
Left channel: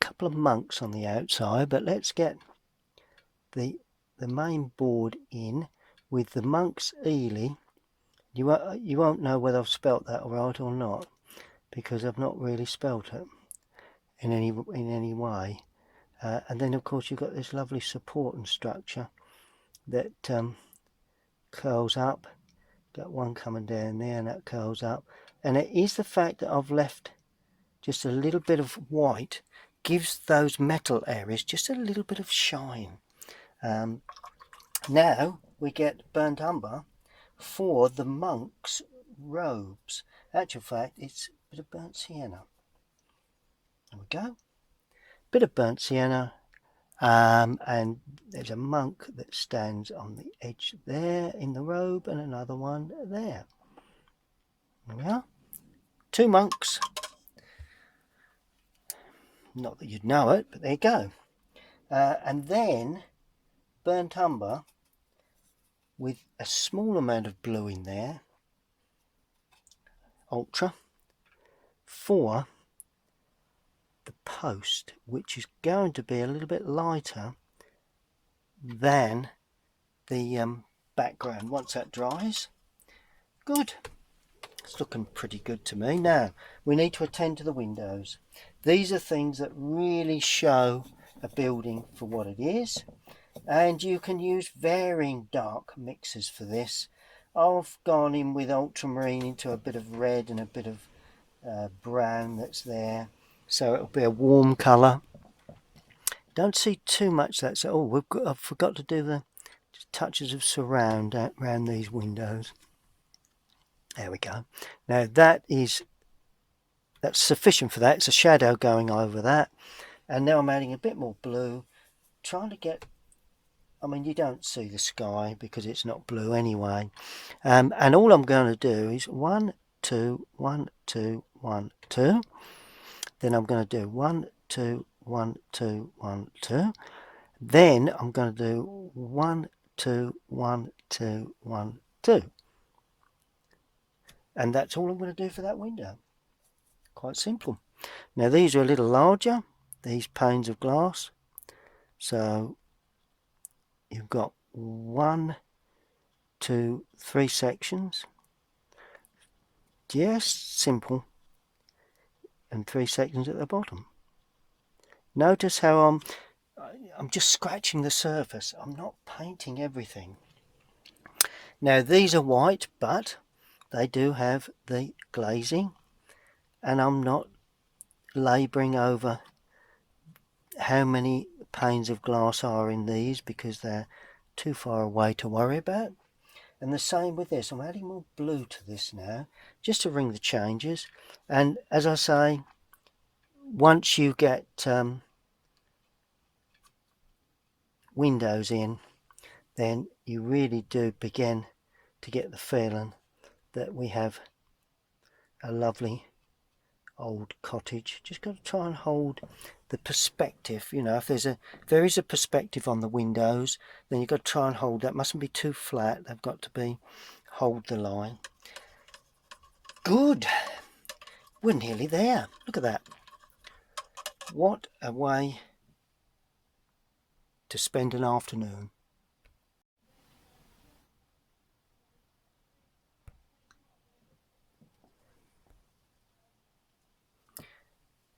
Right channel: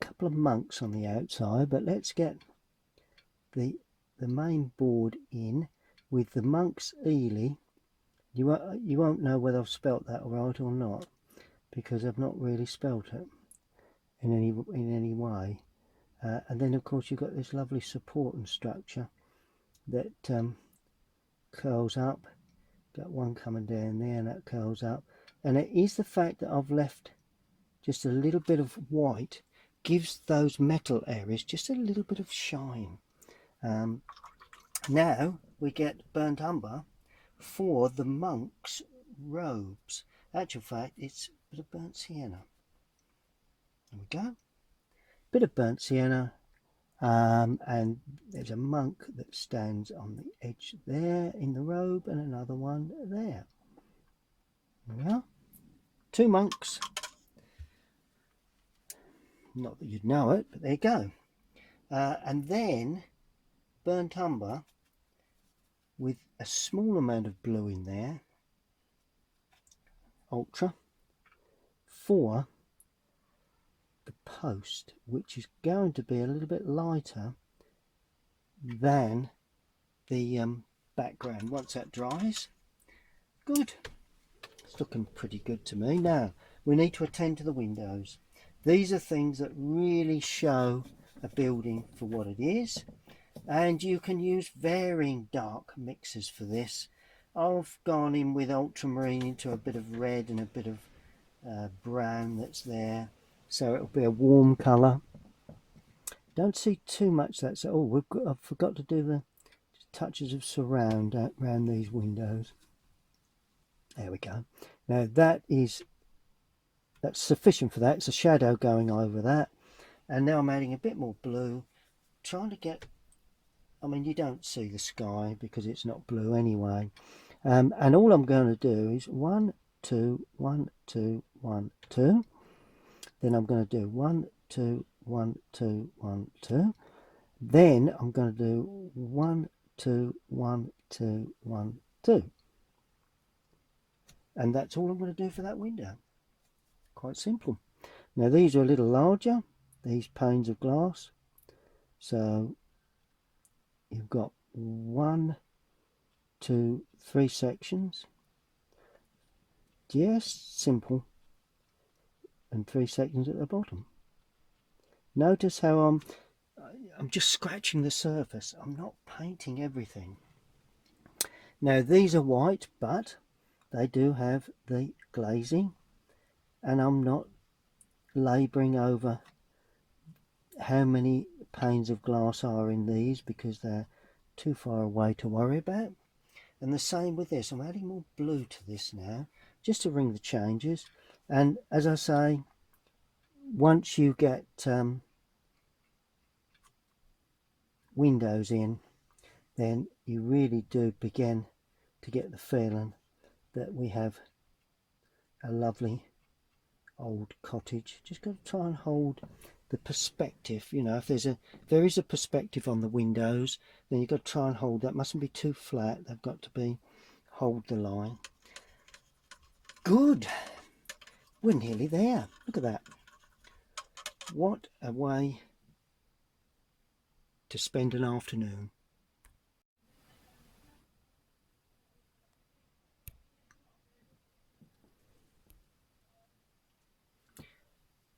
couple of monks on the outside, but let's get the main board in with the Monks Eleigh. You won't know whether I've spelt that right or not, because I've not really spelt it in any way. And then of course you've got this lovely support and structure that curls up. Got one coming down there and that curls up. And it is the fact that I've left just a little bit of white, gives those metal areas just a little bit of shine. Now we get burnt umber for the monks' robes. Actual fact, it's a bit of burnt sienna. There we go. Bit of burnt sienna, and there's a monk that stands on the edge there in the robe, and another one there. There we are. Two monks. Not that you'd know it, but there you go. And then burnt umber with a small amount of blue in there, ultra, for the post, which is going to be a little bit lighter than the background once that dries. Good. It's looking pretty good to me. Now we need to attend to the windows. These are things that really show a building for what it is, and you can use varying dark mixes for this. I've gone in with ultramarine into a bit of red and a bit of brown that's there, so it'll be a warm colour. Don't see too much that's I forgot to do the touches of surround around these windows. There we go. Now that's sufficient for that. It's a shadow going over that, and now I'm adding a bit more blue, trying to get, I mean, you don't see the sky because it's not blue anyway, and all I'm going to do is 1 2 1 2 1 2. Then I'm going to do 1 2 1 2 1 2. Then I'm going to do 1 2 1 2 1 2. And that's all I'm going to do for that window. Quite simple. Now these are a little larger, these panes of glass. So you've got 1 2 3 sections. Just simple. And 3 sections at the bottom. Notice how I'm just scratching the surface. I'm not painting everything. Now these are white, but they do have the glazing, and I'm not labouring over how many panes of glass are in these because they're too far away to worry about. And the same with this. I'm adding more blue to this now, just to ring the changes. And as I say, once you get windows in, then you really do begin to get the feeling that we have a lovely old cottage. Just got to try and hold the perspective. You know, if there is a perspective on the windows, then you've got to try and hold that. Mustn't be too flat. They've got to be, hold the line. Good. We're nearly there. Look at that. What a way to spend an afternoon.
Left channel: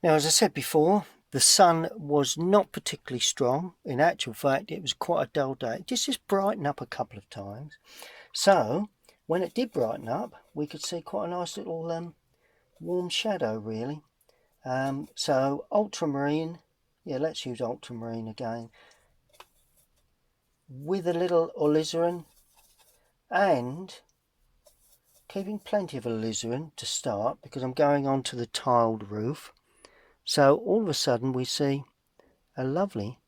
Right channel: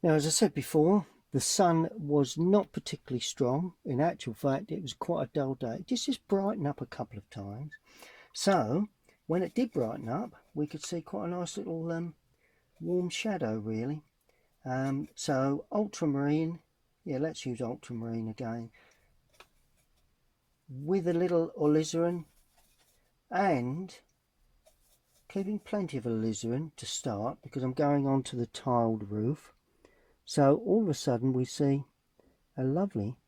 Now, as I said before, the sun was not particularly strong. In actual fact, it was quite a dull day. It just brightened up a couple of times. So when it did brighten up, we could see quite a nice little warm shadow, really. So ultramarine, yeah, let's use ultramarine again, with a little alizarin, and keeping plenty of alizarin to start, because I'm going on to the tiled roof. So all of a sudden we see a lovely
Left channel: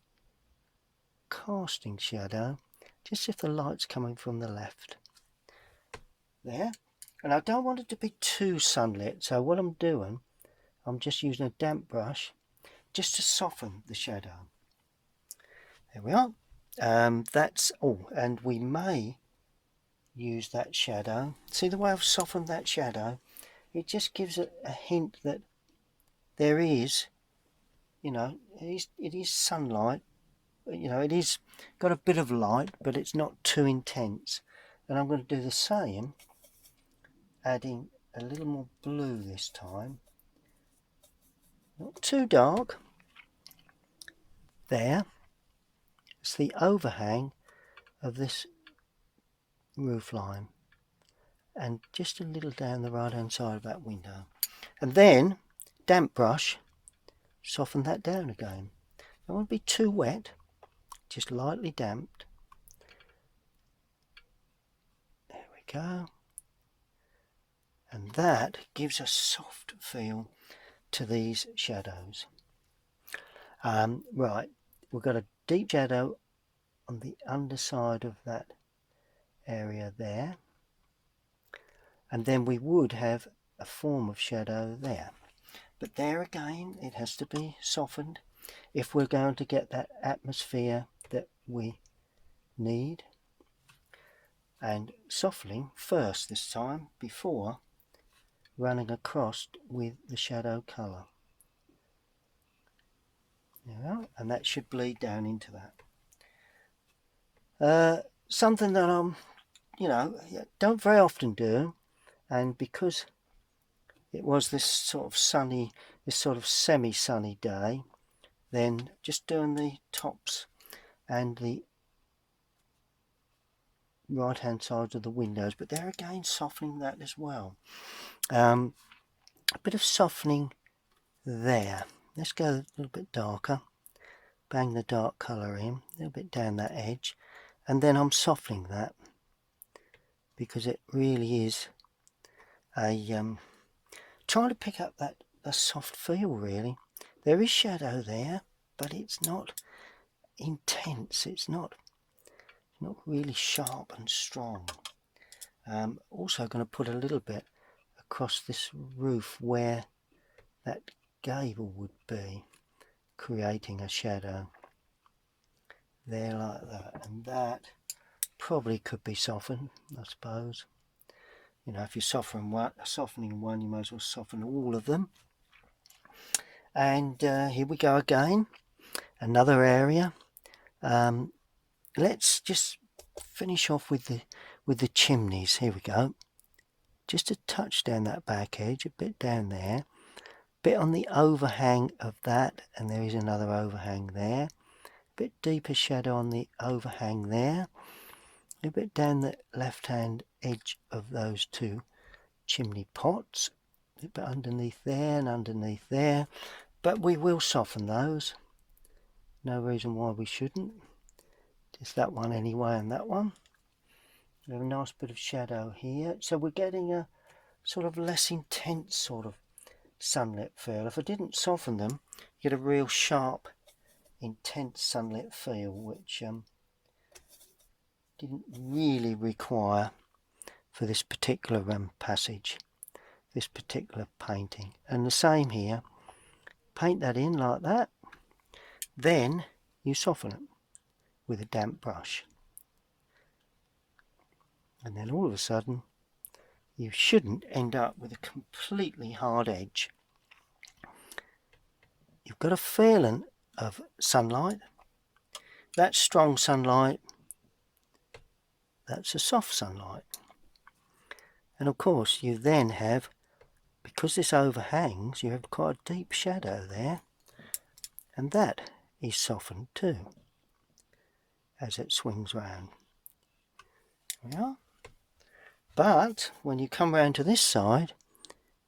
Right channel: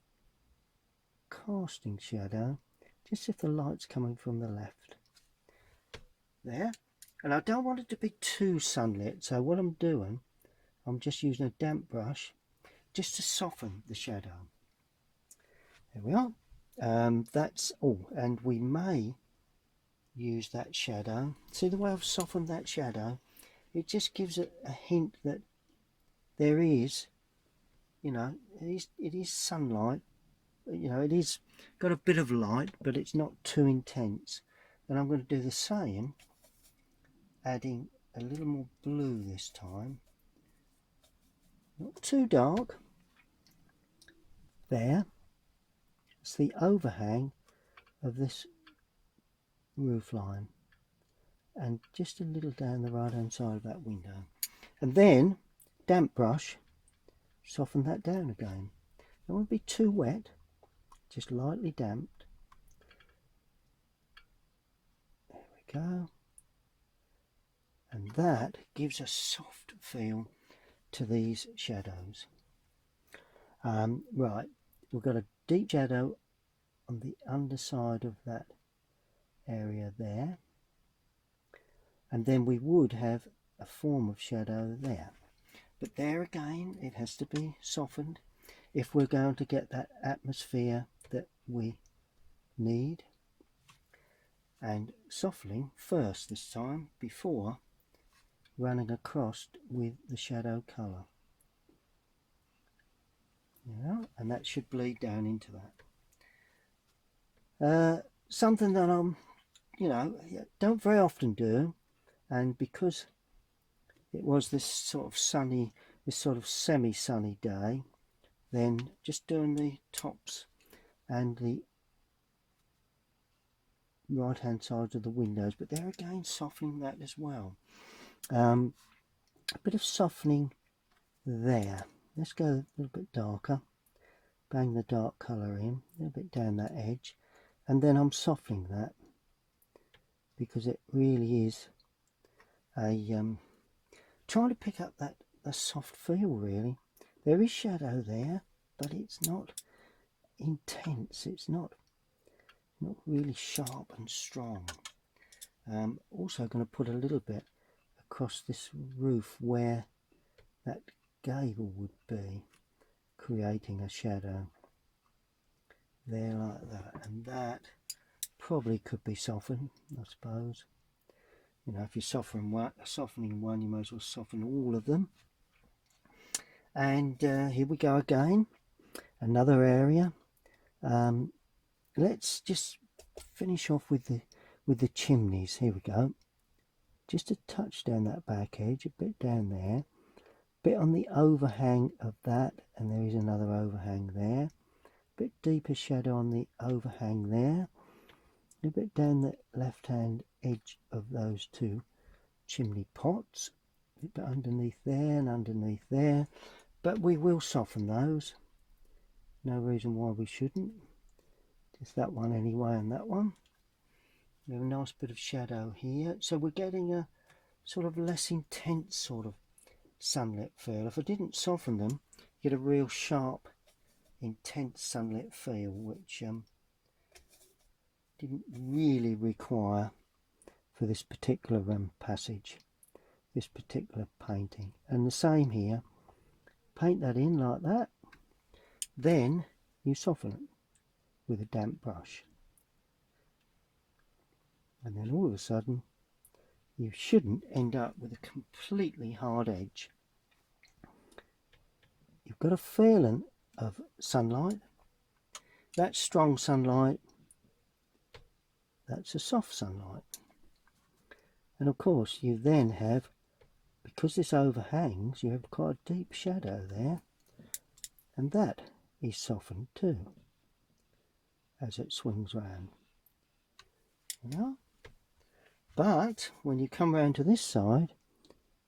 casting shadow, just if the light's coming from the left. There. And I don't want it to be too sunlit, so what I'm doing, I'm just using a damp brush just to soften the shadow. There we are. That's all. And we may use that shadow. See the way I've softened that shadow? It just gives it a hint that there is, you know, it is sunlight. You know, it is got a bit of light, but it's not too intense. And I'm going to do the same, adding a little more blue this time. Not too dark. There. It's the overhang of this roof line, and just a little down the right hand side of that window. And then damp brush, soften that down again. Don't want to be too wet, just lightly damped. There we go. And that gives a soft feel to these shadows. Right, we've got a deep shadow on the underside of that area there, and then we would have a form of shadow there, but there again it has to be softened if we're going to get that atmosphere that we need. And softening first this time before running across with the shadow colour. There we are, and that should bleed down into that. Something that I'm, you know, don't very often do, and because it was this sort of sunny, this sort of semi-sunny day, then just doing the tops and the right hand sides of the windows, but there again softening that as well. A bit of softening there. Let's go a little bit darker, bang the dark colour in, a little bit down that edge, and then I'm softening that because it really is a trying to pick up that a soft feel. Really, there is shadow there, but it's not intense. It's not really sharp and strong. Also going to put a little bit across this roof where that gable would be, creating a shadow there like that, and that probably could be softened, I suppose. You know, if you're softening one, you might as well soften all of them. And here we go again, another area. Let's just finish off with the chimneys. Here we go. Just a touch down that back edge, a bit down there, bit on the overhang of that, and there is another overhang there. A bit deeper shadow on the overhang there. A bit down the left hand edge of those two chimney pots. A bit underneath there and underneath there. But we will soften those. No reason why we shouldn't. Just that one anyway, and that one. We have a nice bit of shadow here, so we're getting a sort of less intense sort of sunlit feel. If I didn't soften them, you get a real sharp, intense sunlit feel, which didn't really require for this particular passage, this particular painting. And the same here, paint that in like that, then you soften it with a damp brush, and then all of a sudden you shouldn't end up with a completely hard edge. You've got a feeling of sunlight. That's strong sunlight, that's a soft sunlight. And of course you then have, because this overhangs, you have quite a deep shadow there, and that is softened too as it swings round. Yeah. But when you come round to this side,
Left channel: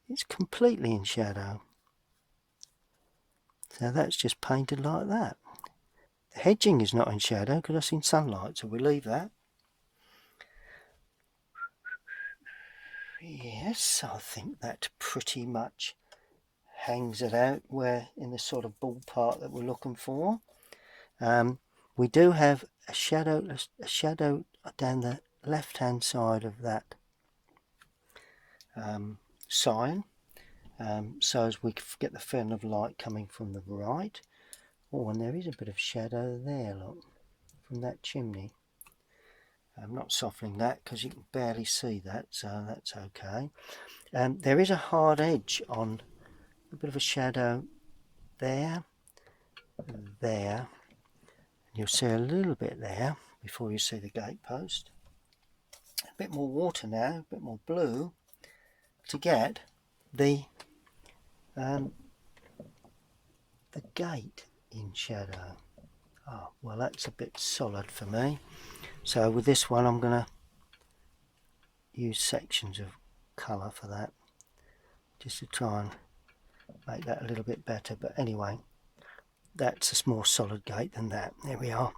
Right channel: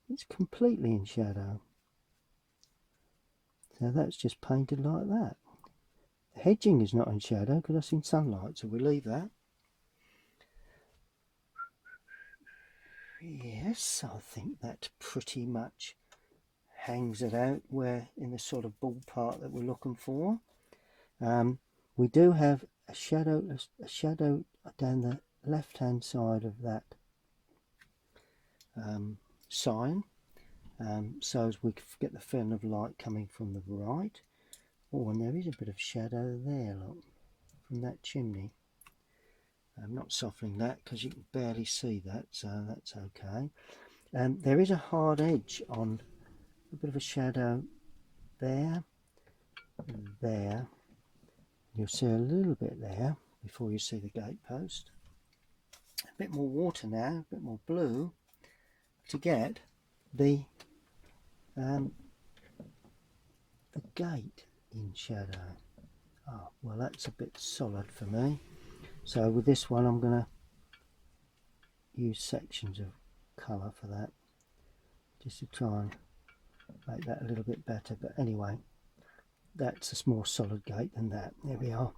it's completely in shadow. So that's just painted like that. The hedging is not in shadow because it's in sunlight, so we leave that. Yes, I think that pretty much hangs it out. We're in the sort of ballpark that we're looking for. We do have a shadow down the left hand side of that sign, so as we get the feeling of light coming from the right. Oh, and there is a bit of shadow there, look, from that chimney. I'm not softening that because you can barely see that, so that's okay. There is a hard edge on, a bit of a shadow there and there. You'll see a little bit there before you see the gatepost. A bit more water now, a bit more blue, to get the gate in shadow. Oh, well, that's a bit solid for me. So with this one, I'm going to use sections of colour for that, just to try and make that a little bit better. But anyway, that's a more solid gate than that. There we are.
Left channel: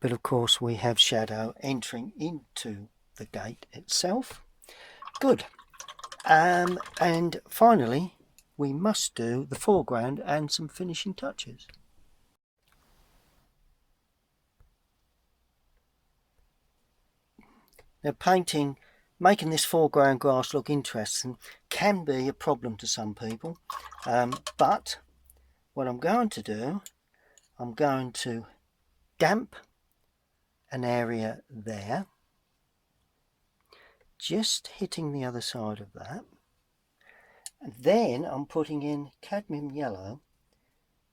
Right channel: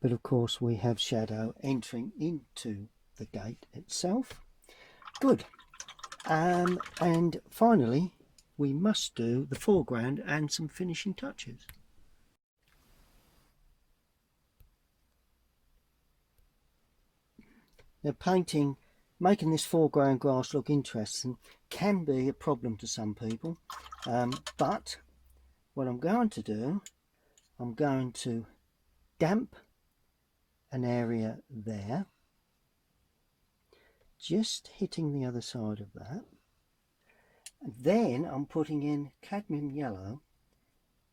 But of course we have shadow entering into the gate itself. Good. And finally we must do the foreground and some finishing touches. Now, making this foreground grass look interesting can be a problem to some people, but what I'm going to do, I'm going to damp an area there, just hitting the other side of that, and then I'm putting in cadmium yellow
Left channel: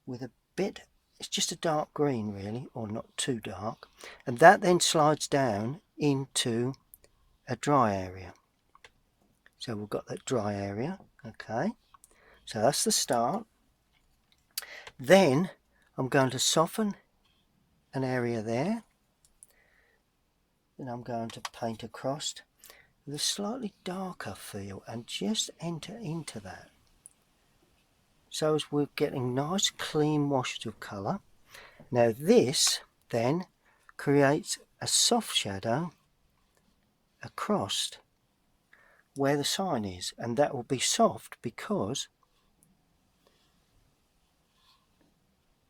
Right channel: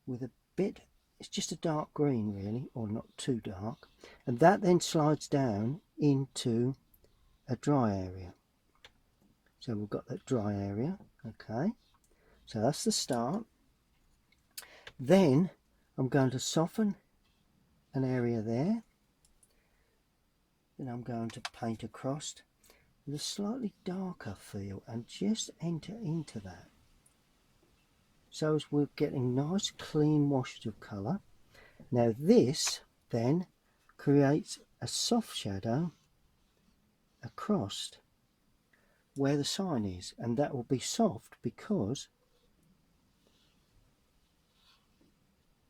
with a bit, it's just a dark green really, or not too dark, and that then slides down into a dry area. So we've got that dry area. Okay, so that's the start. Then I'm going to soften an area there, and I'm going to paint across with a slightly darker feel and just enter into that, so as we're getting nice clean washes of colour. Now this then creates a soft shadow across where the sign is, and that will be soft because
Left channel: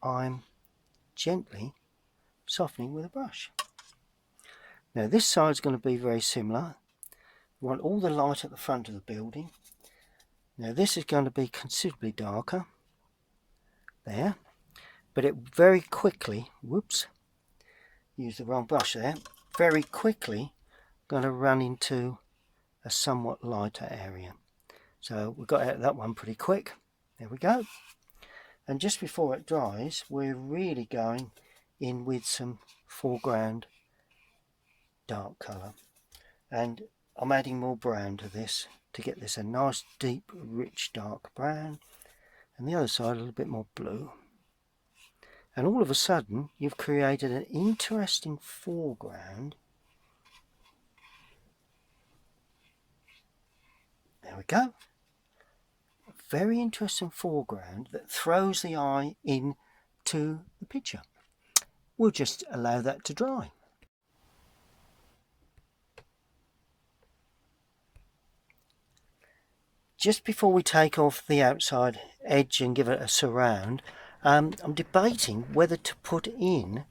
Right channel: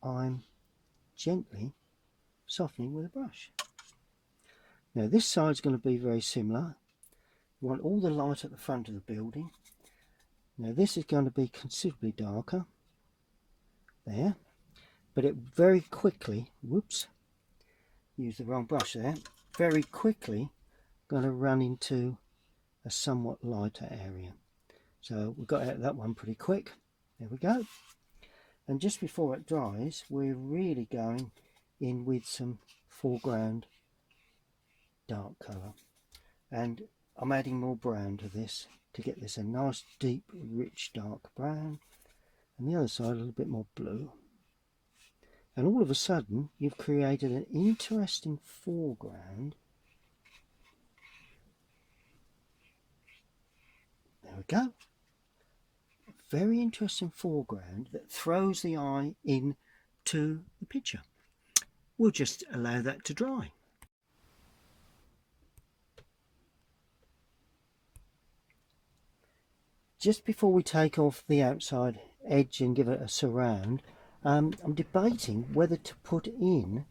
I'm gently softening with a brush. Now this side is going to be very similar. We want all the light at the front of the building. Now this is going to be considerably darker there, but it very quickly, whoops, used the wrong brush there, very quickly going to run into a somewhat lighter area. So we got out of that one pretty quick. There we go. And just before it dries, we're really going in with some foreground dark colour, and I'm adding more brown to this to get this a nice deep rich dark brown, and the other side a little bit more blue. And all of a sudden you've created an interesting foreground. There we go. A very interesting foreground that throws the eye into the picture. We'll just allow that to dry. just before we take off the outside edge and give it a surround, I'm debating whether to put in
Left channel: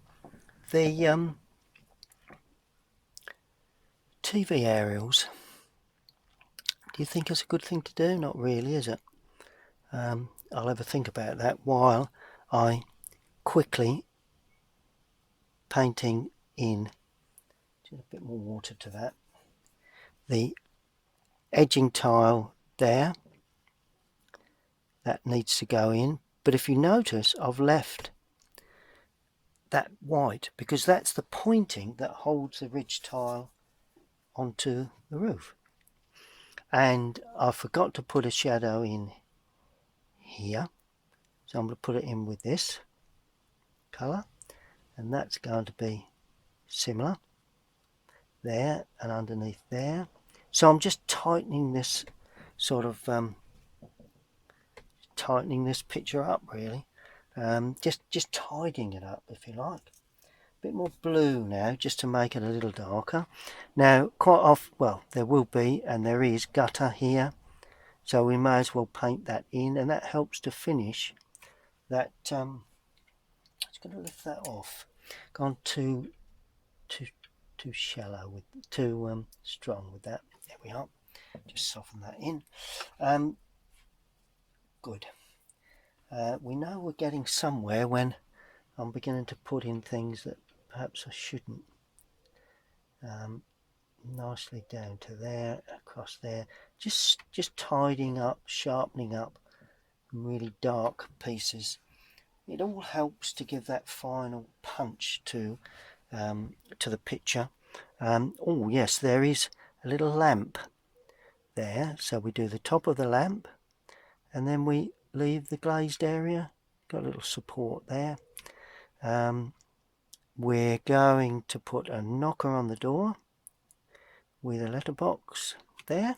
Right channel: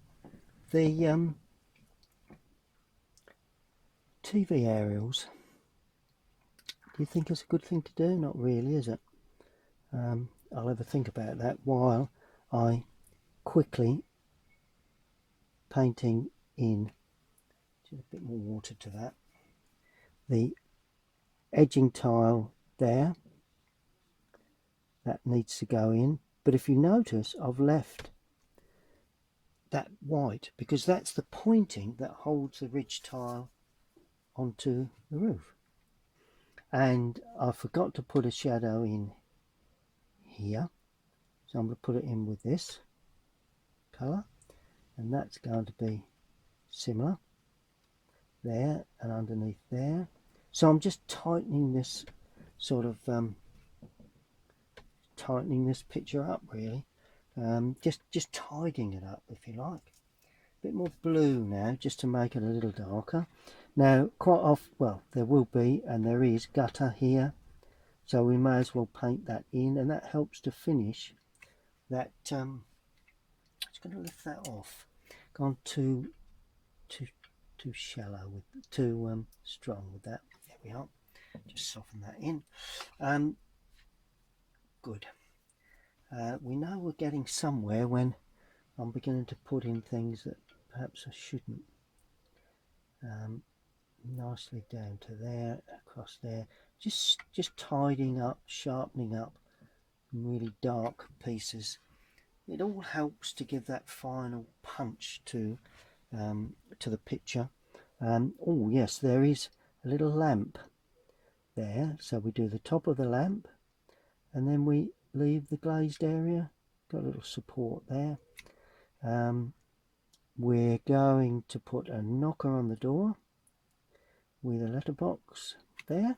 the TV aerials. Do you think it's a good thing to do? Not really, is it? I'll have a think about that while I quickly painting in just a bit more water to that, the edging tile there. That needs to go in, but if you notice, I've left that white because that's the pointing that holds the ridge tile onto the roof. And I forgot to put a shadow in here, so I'm going to put it in with this colour, and that's going to be similar there and underneath there. So I'm just tightening this sort of tightening this picture up, really. Just tidying it up, if you like. A bit more blue now, just to make it a little darker. Now, quite often, well, there will be, and there is, gutter here, so we may as well paint that in, and that helps to finish that. Just going to lift that off. Gone too shallow, with too strong with that. There we are. Just soften that in. Good. We know we're getting somewhere when I'm beginning to put in things that perhaps I shouldn't. Nicely down to there, across there. Just tidying up, sharpening up really dark pieces. It all helps to give that final punch to the picture. Oh yes, there is a little lamp there, so we do the top of the lamp and then we leave the glazed area. Got a little support there. We're going to put a knocker on the door with a letterbox there.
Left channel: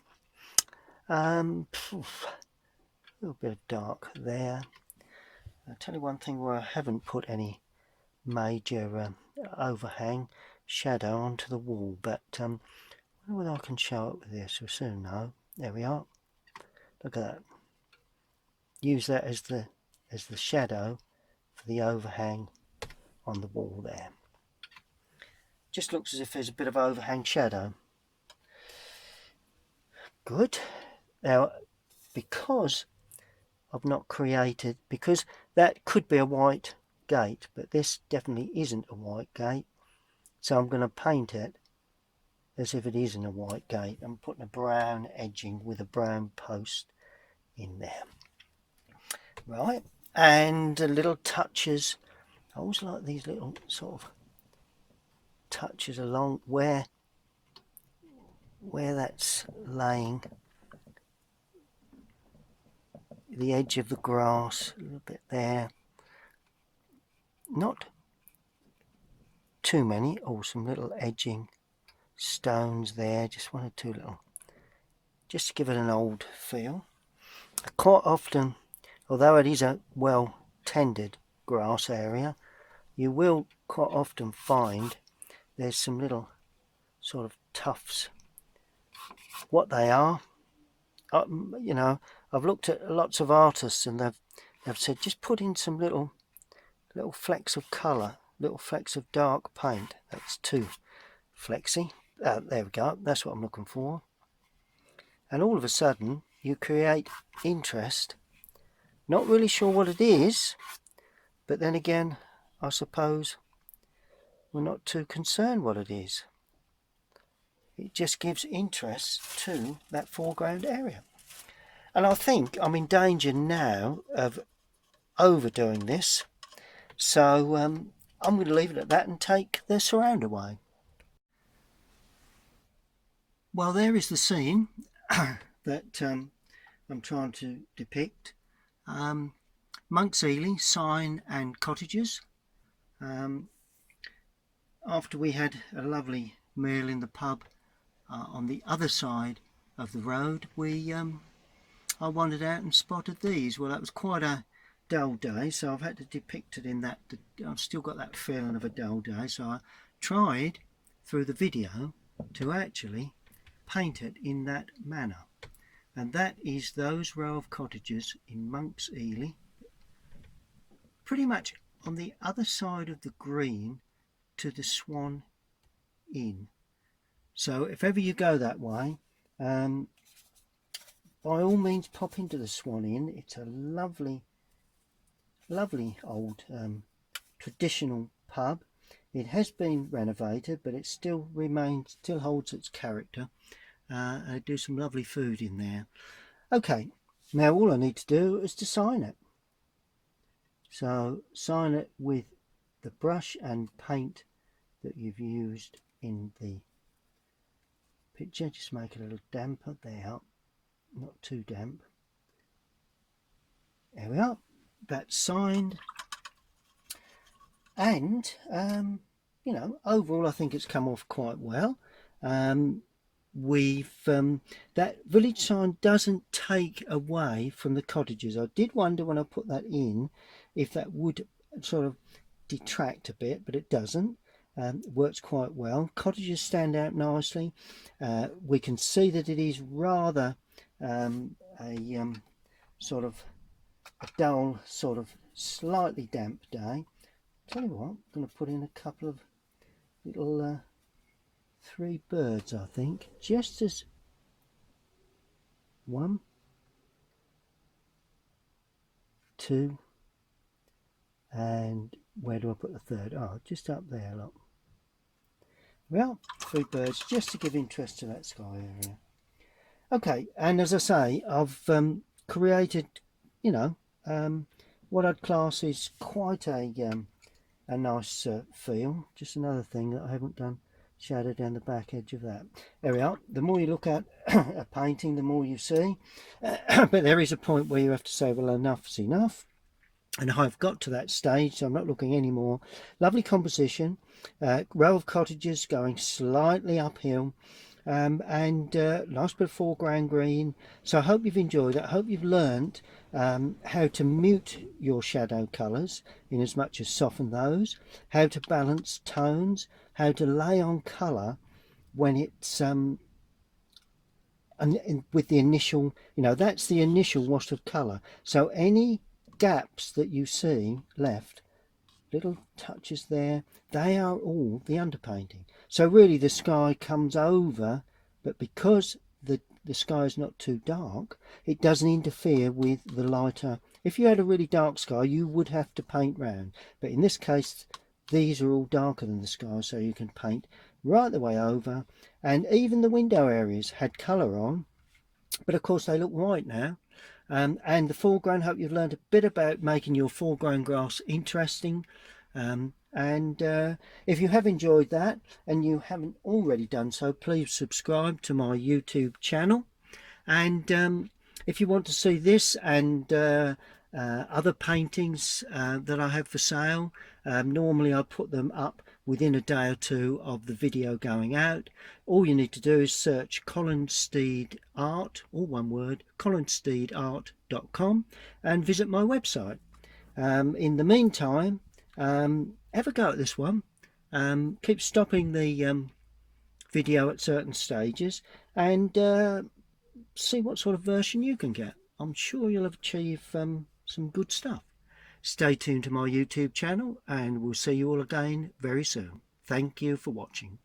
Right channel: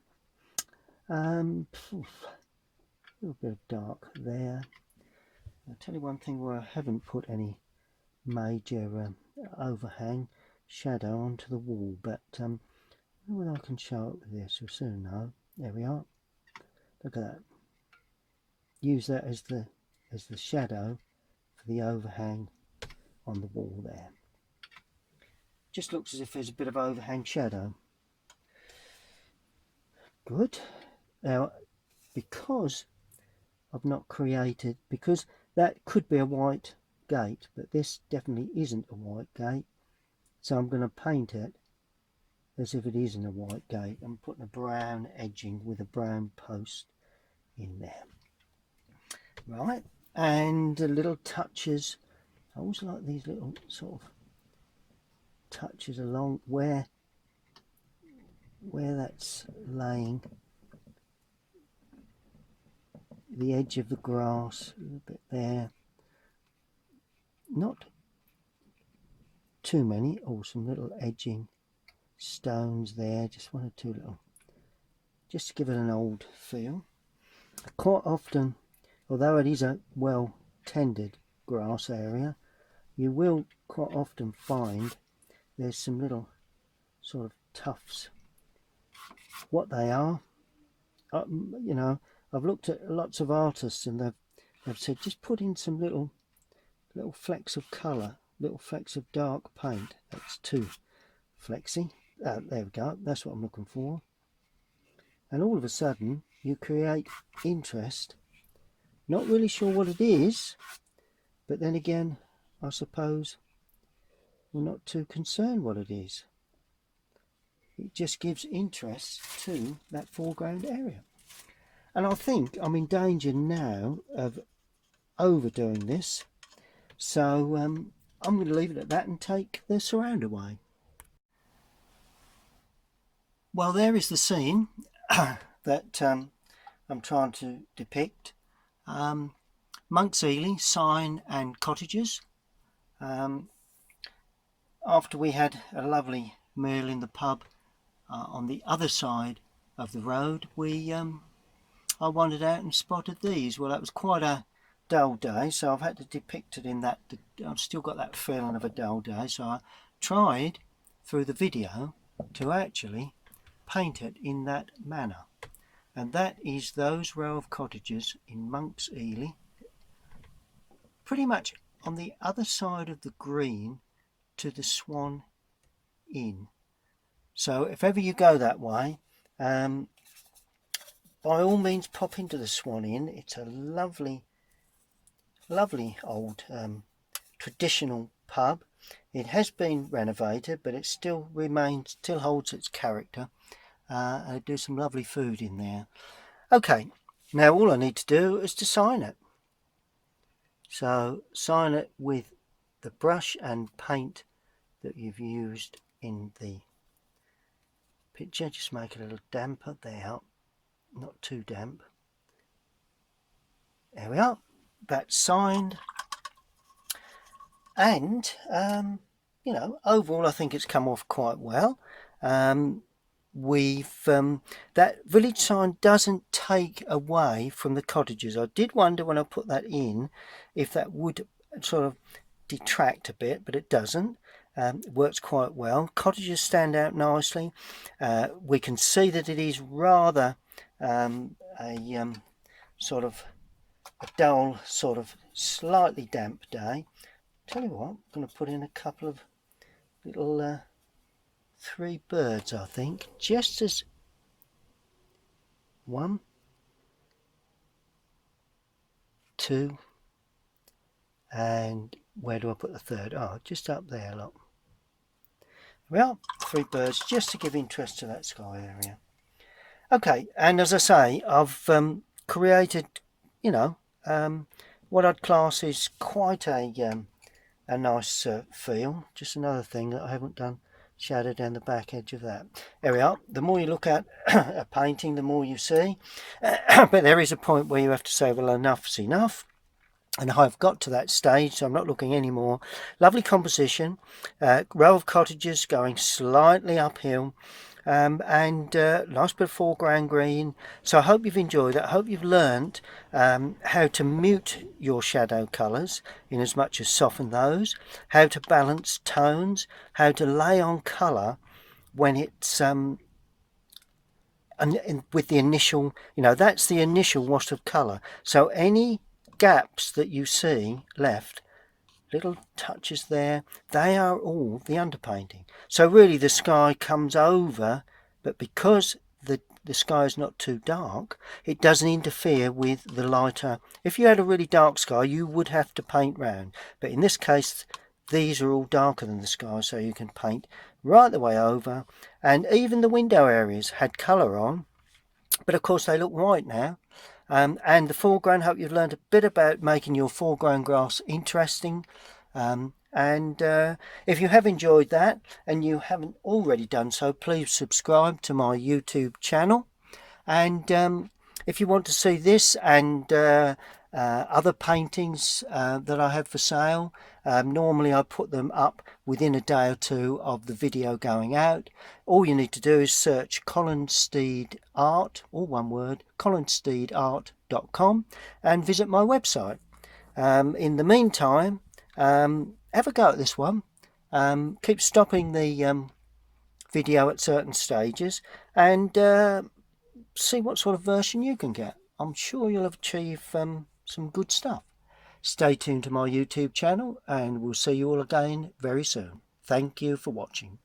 A little bit of dark there. I'll tell you one thing where I haven't put any major overhang shadow onto the wall, but whether I can show it with this, we'll soon know. There we are. Look at that. Use that as the shadow for the overhang on the wall there. Just looks as if there's a bit of overhang shadow. Good. Now, because I've not created, because that could be a white gate, but this definitely isn't a white gate, so I'm going to paint it as if it isn't a white gate. I'm putting a brown edging with a brown post in there. Right, and little touches. I always like these little sort of touches along where that's laying, the edge of the grass, a little bit there. Not too many. Oh, some little edging stones there, just one or two little, just to give it an old feel. Quite often, although it is a well tended grass area, you will quite often find there's some little sort of tufts. What they are, you know, I've looked at lots of artists and they've said just put in some little flecks of colour, little flecks of dark paint. That's too flexy. There we go, that's what I'm looking for. And all of a sudden you create interest. Not really sure what it is, but then again, I suppose we're not too concerned what it is. It just gives interest to that foreground area. And I think I'm in danger now of overdoing this, so I'm going to leave it at that and take the surround away. Well, there is the scene that I'm trying to depict. Monks Eleigh, Sign and Cottages. After we had a lovely meal in the pub on the other side of the road, I wandered out and spotted these. Well, that was quite a dull day, so I've had to depict it in that. I've still got that feeling of a dull day, so I tried through the video to actually paint it in that manner. and that is those row of cottages in Monks Eleigh, pretty much on the other side of the green to the Swan Inn. So if ever you go that way, by all means pop into the Swan Inn. It's a lovely old traditional pub. It has been renovated, but it still holds its character, and I do some lovely food in there. Okay, now all I need to do is to sign it. So sign it with the brush and paint that you've used in the picture. Just make it a little damper there, not too damp. There we are, that's signed. And you know, overall I think it's come off quite well. That village sign doesn't take away from the cottages. I did wonder when I put that in if that would sort of detract a bit, but it doesn't. It works quite well. Cottages stand out nicely. We can see that it is rather sort of a dull, sort of slightly damp day. Tell you what, I'm going to put in a couple of little 3 birds, I think, just as 1, 2, and where do I put the third? Oh, just up there, look. Well, 3 birds just to give interest to that sky area. Okay, and as I say, I've created, you know, what I'd class is quite a nice feel. Just another thing that I haven't done, shadow down the back edge of that. There we are. The more you look at a painting, the more you see. But there is a point where you have to say, well, enough's enough. And I've got to that stage, so I'm not looking anymore. Lovely composition, row of cottages going slightly uphill, and nice bit of foreground green. So I hope you've enjoyed it. I hope you've learnt how to mute your shadow colours in as much as soften those, how to balance tones, how to lay on colour when it's with the initial, you know, that's the initial wash of colour. So any gaps that you see left, little touches there, they are all the underpainting. So really the sky comes over, but because the sky is not too dark, it doesn't interfere with the lighter. If you had a really dark sky, you would have to paint round, but in this case these are all darker than the sky, so you can paint right the way over. And even the window areas had colour on, but of course they look white now. And the foreground, hope you've learned a bit about making your foreground grass interesting. And if you have enjoyed that and you haven't already done so, please subscribe to my YouTube channel. And if you want to see this and other paintings that I have for sale, normally I put them up within a day or two of the video going out. All you need to do is search Colinsteedart, all one word, colinsteedart.com, and visit my website. In the meantime, have a go at this one. Keep stopping the video at certain stages and see what sort of version you can get. I'm sure you'll achieve some good stuff. Stay tuned to my YouTube channel and we'll see you all again very soon. Thank you for watching.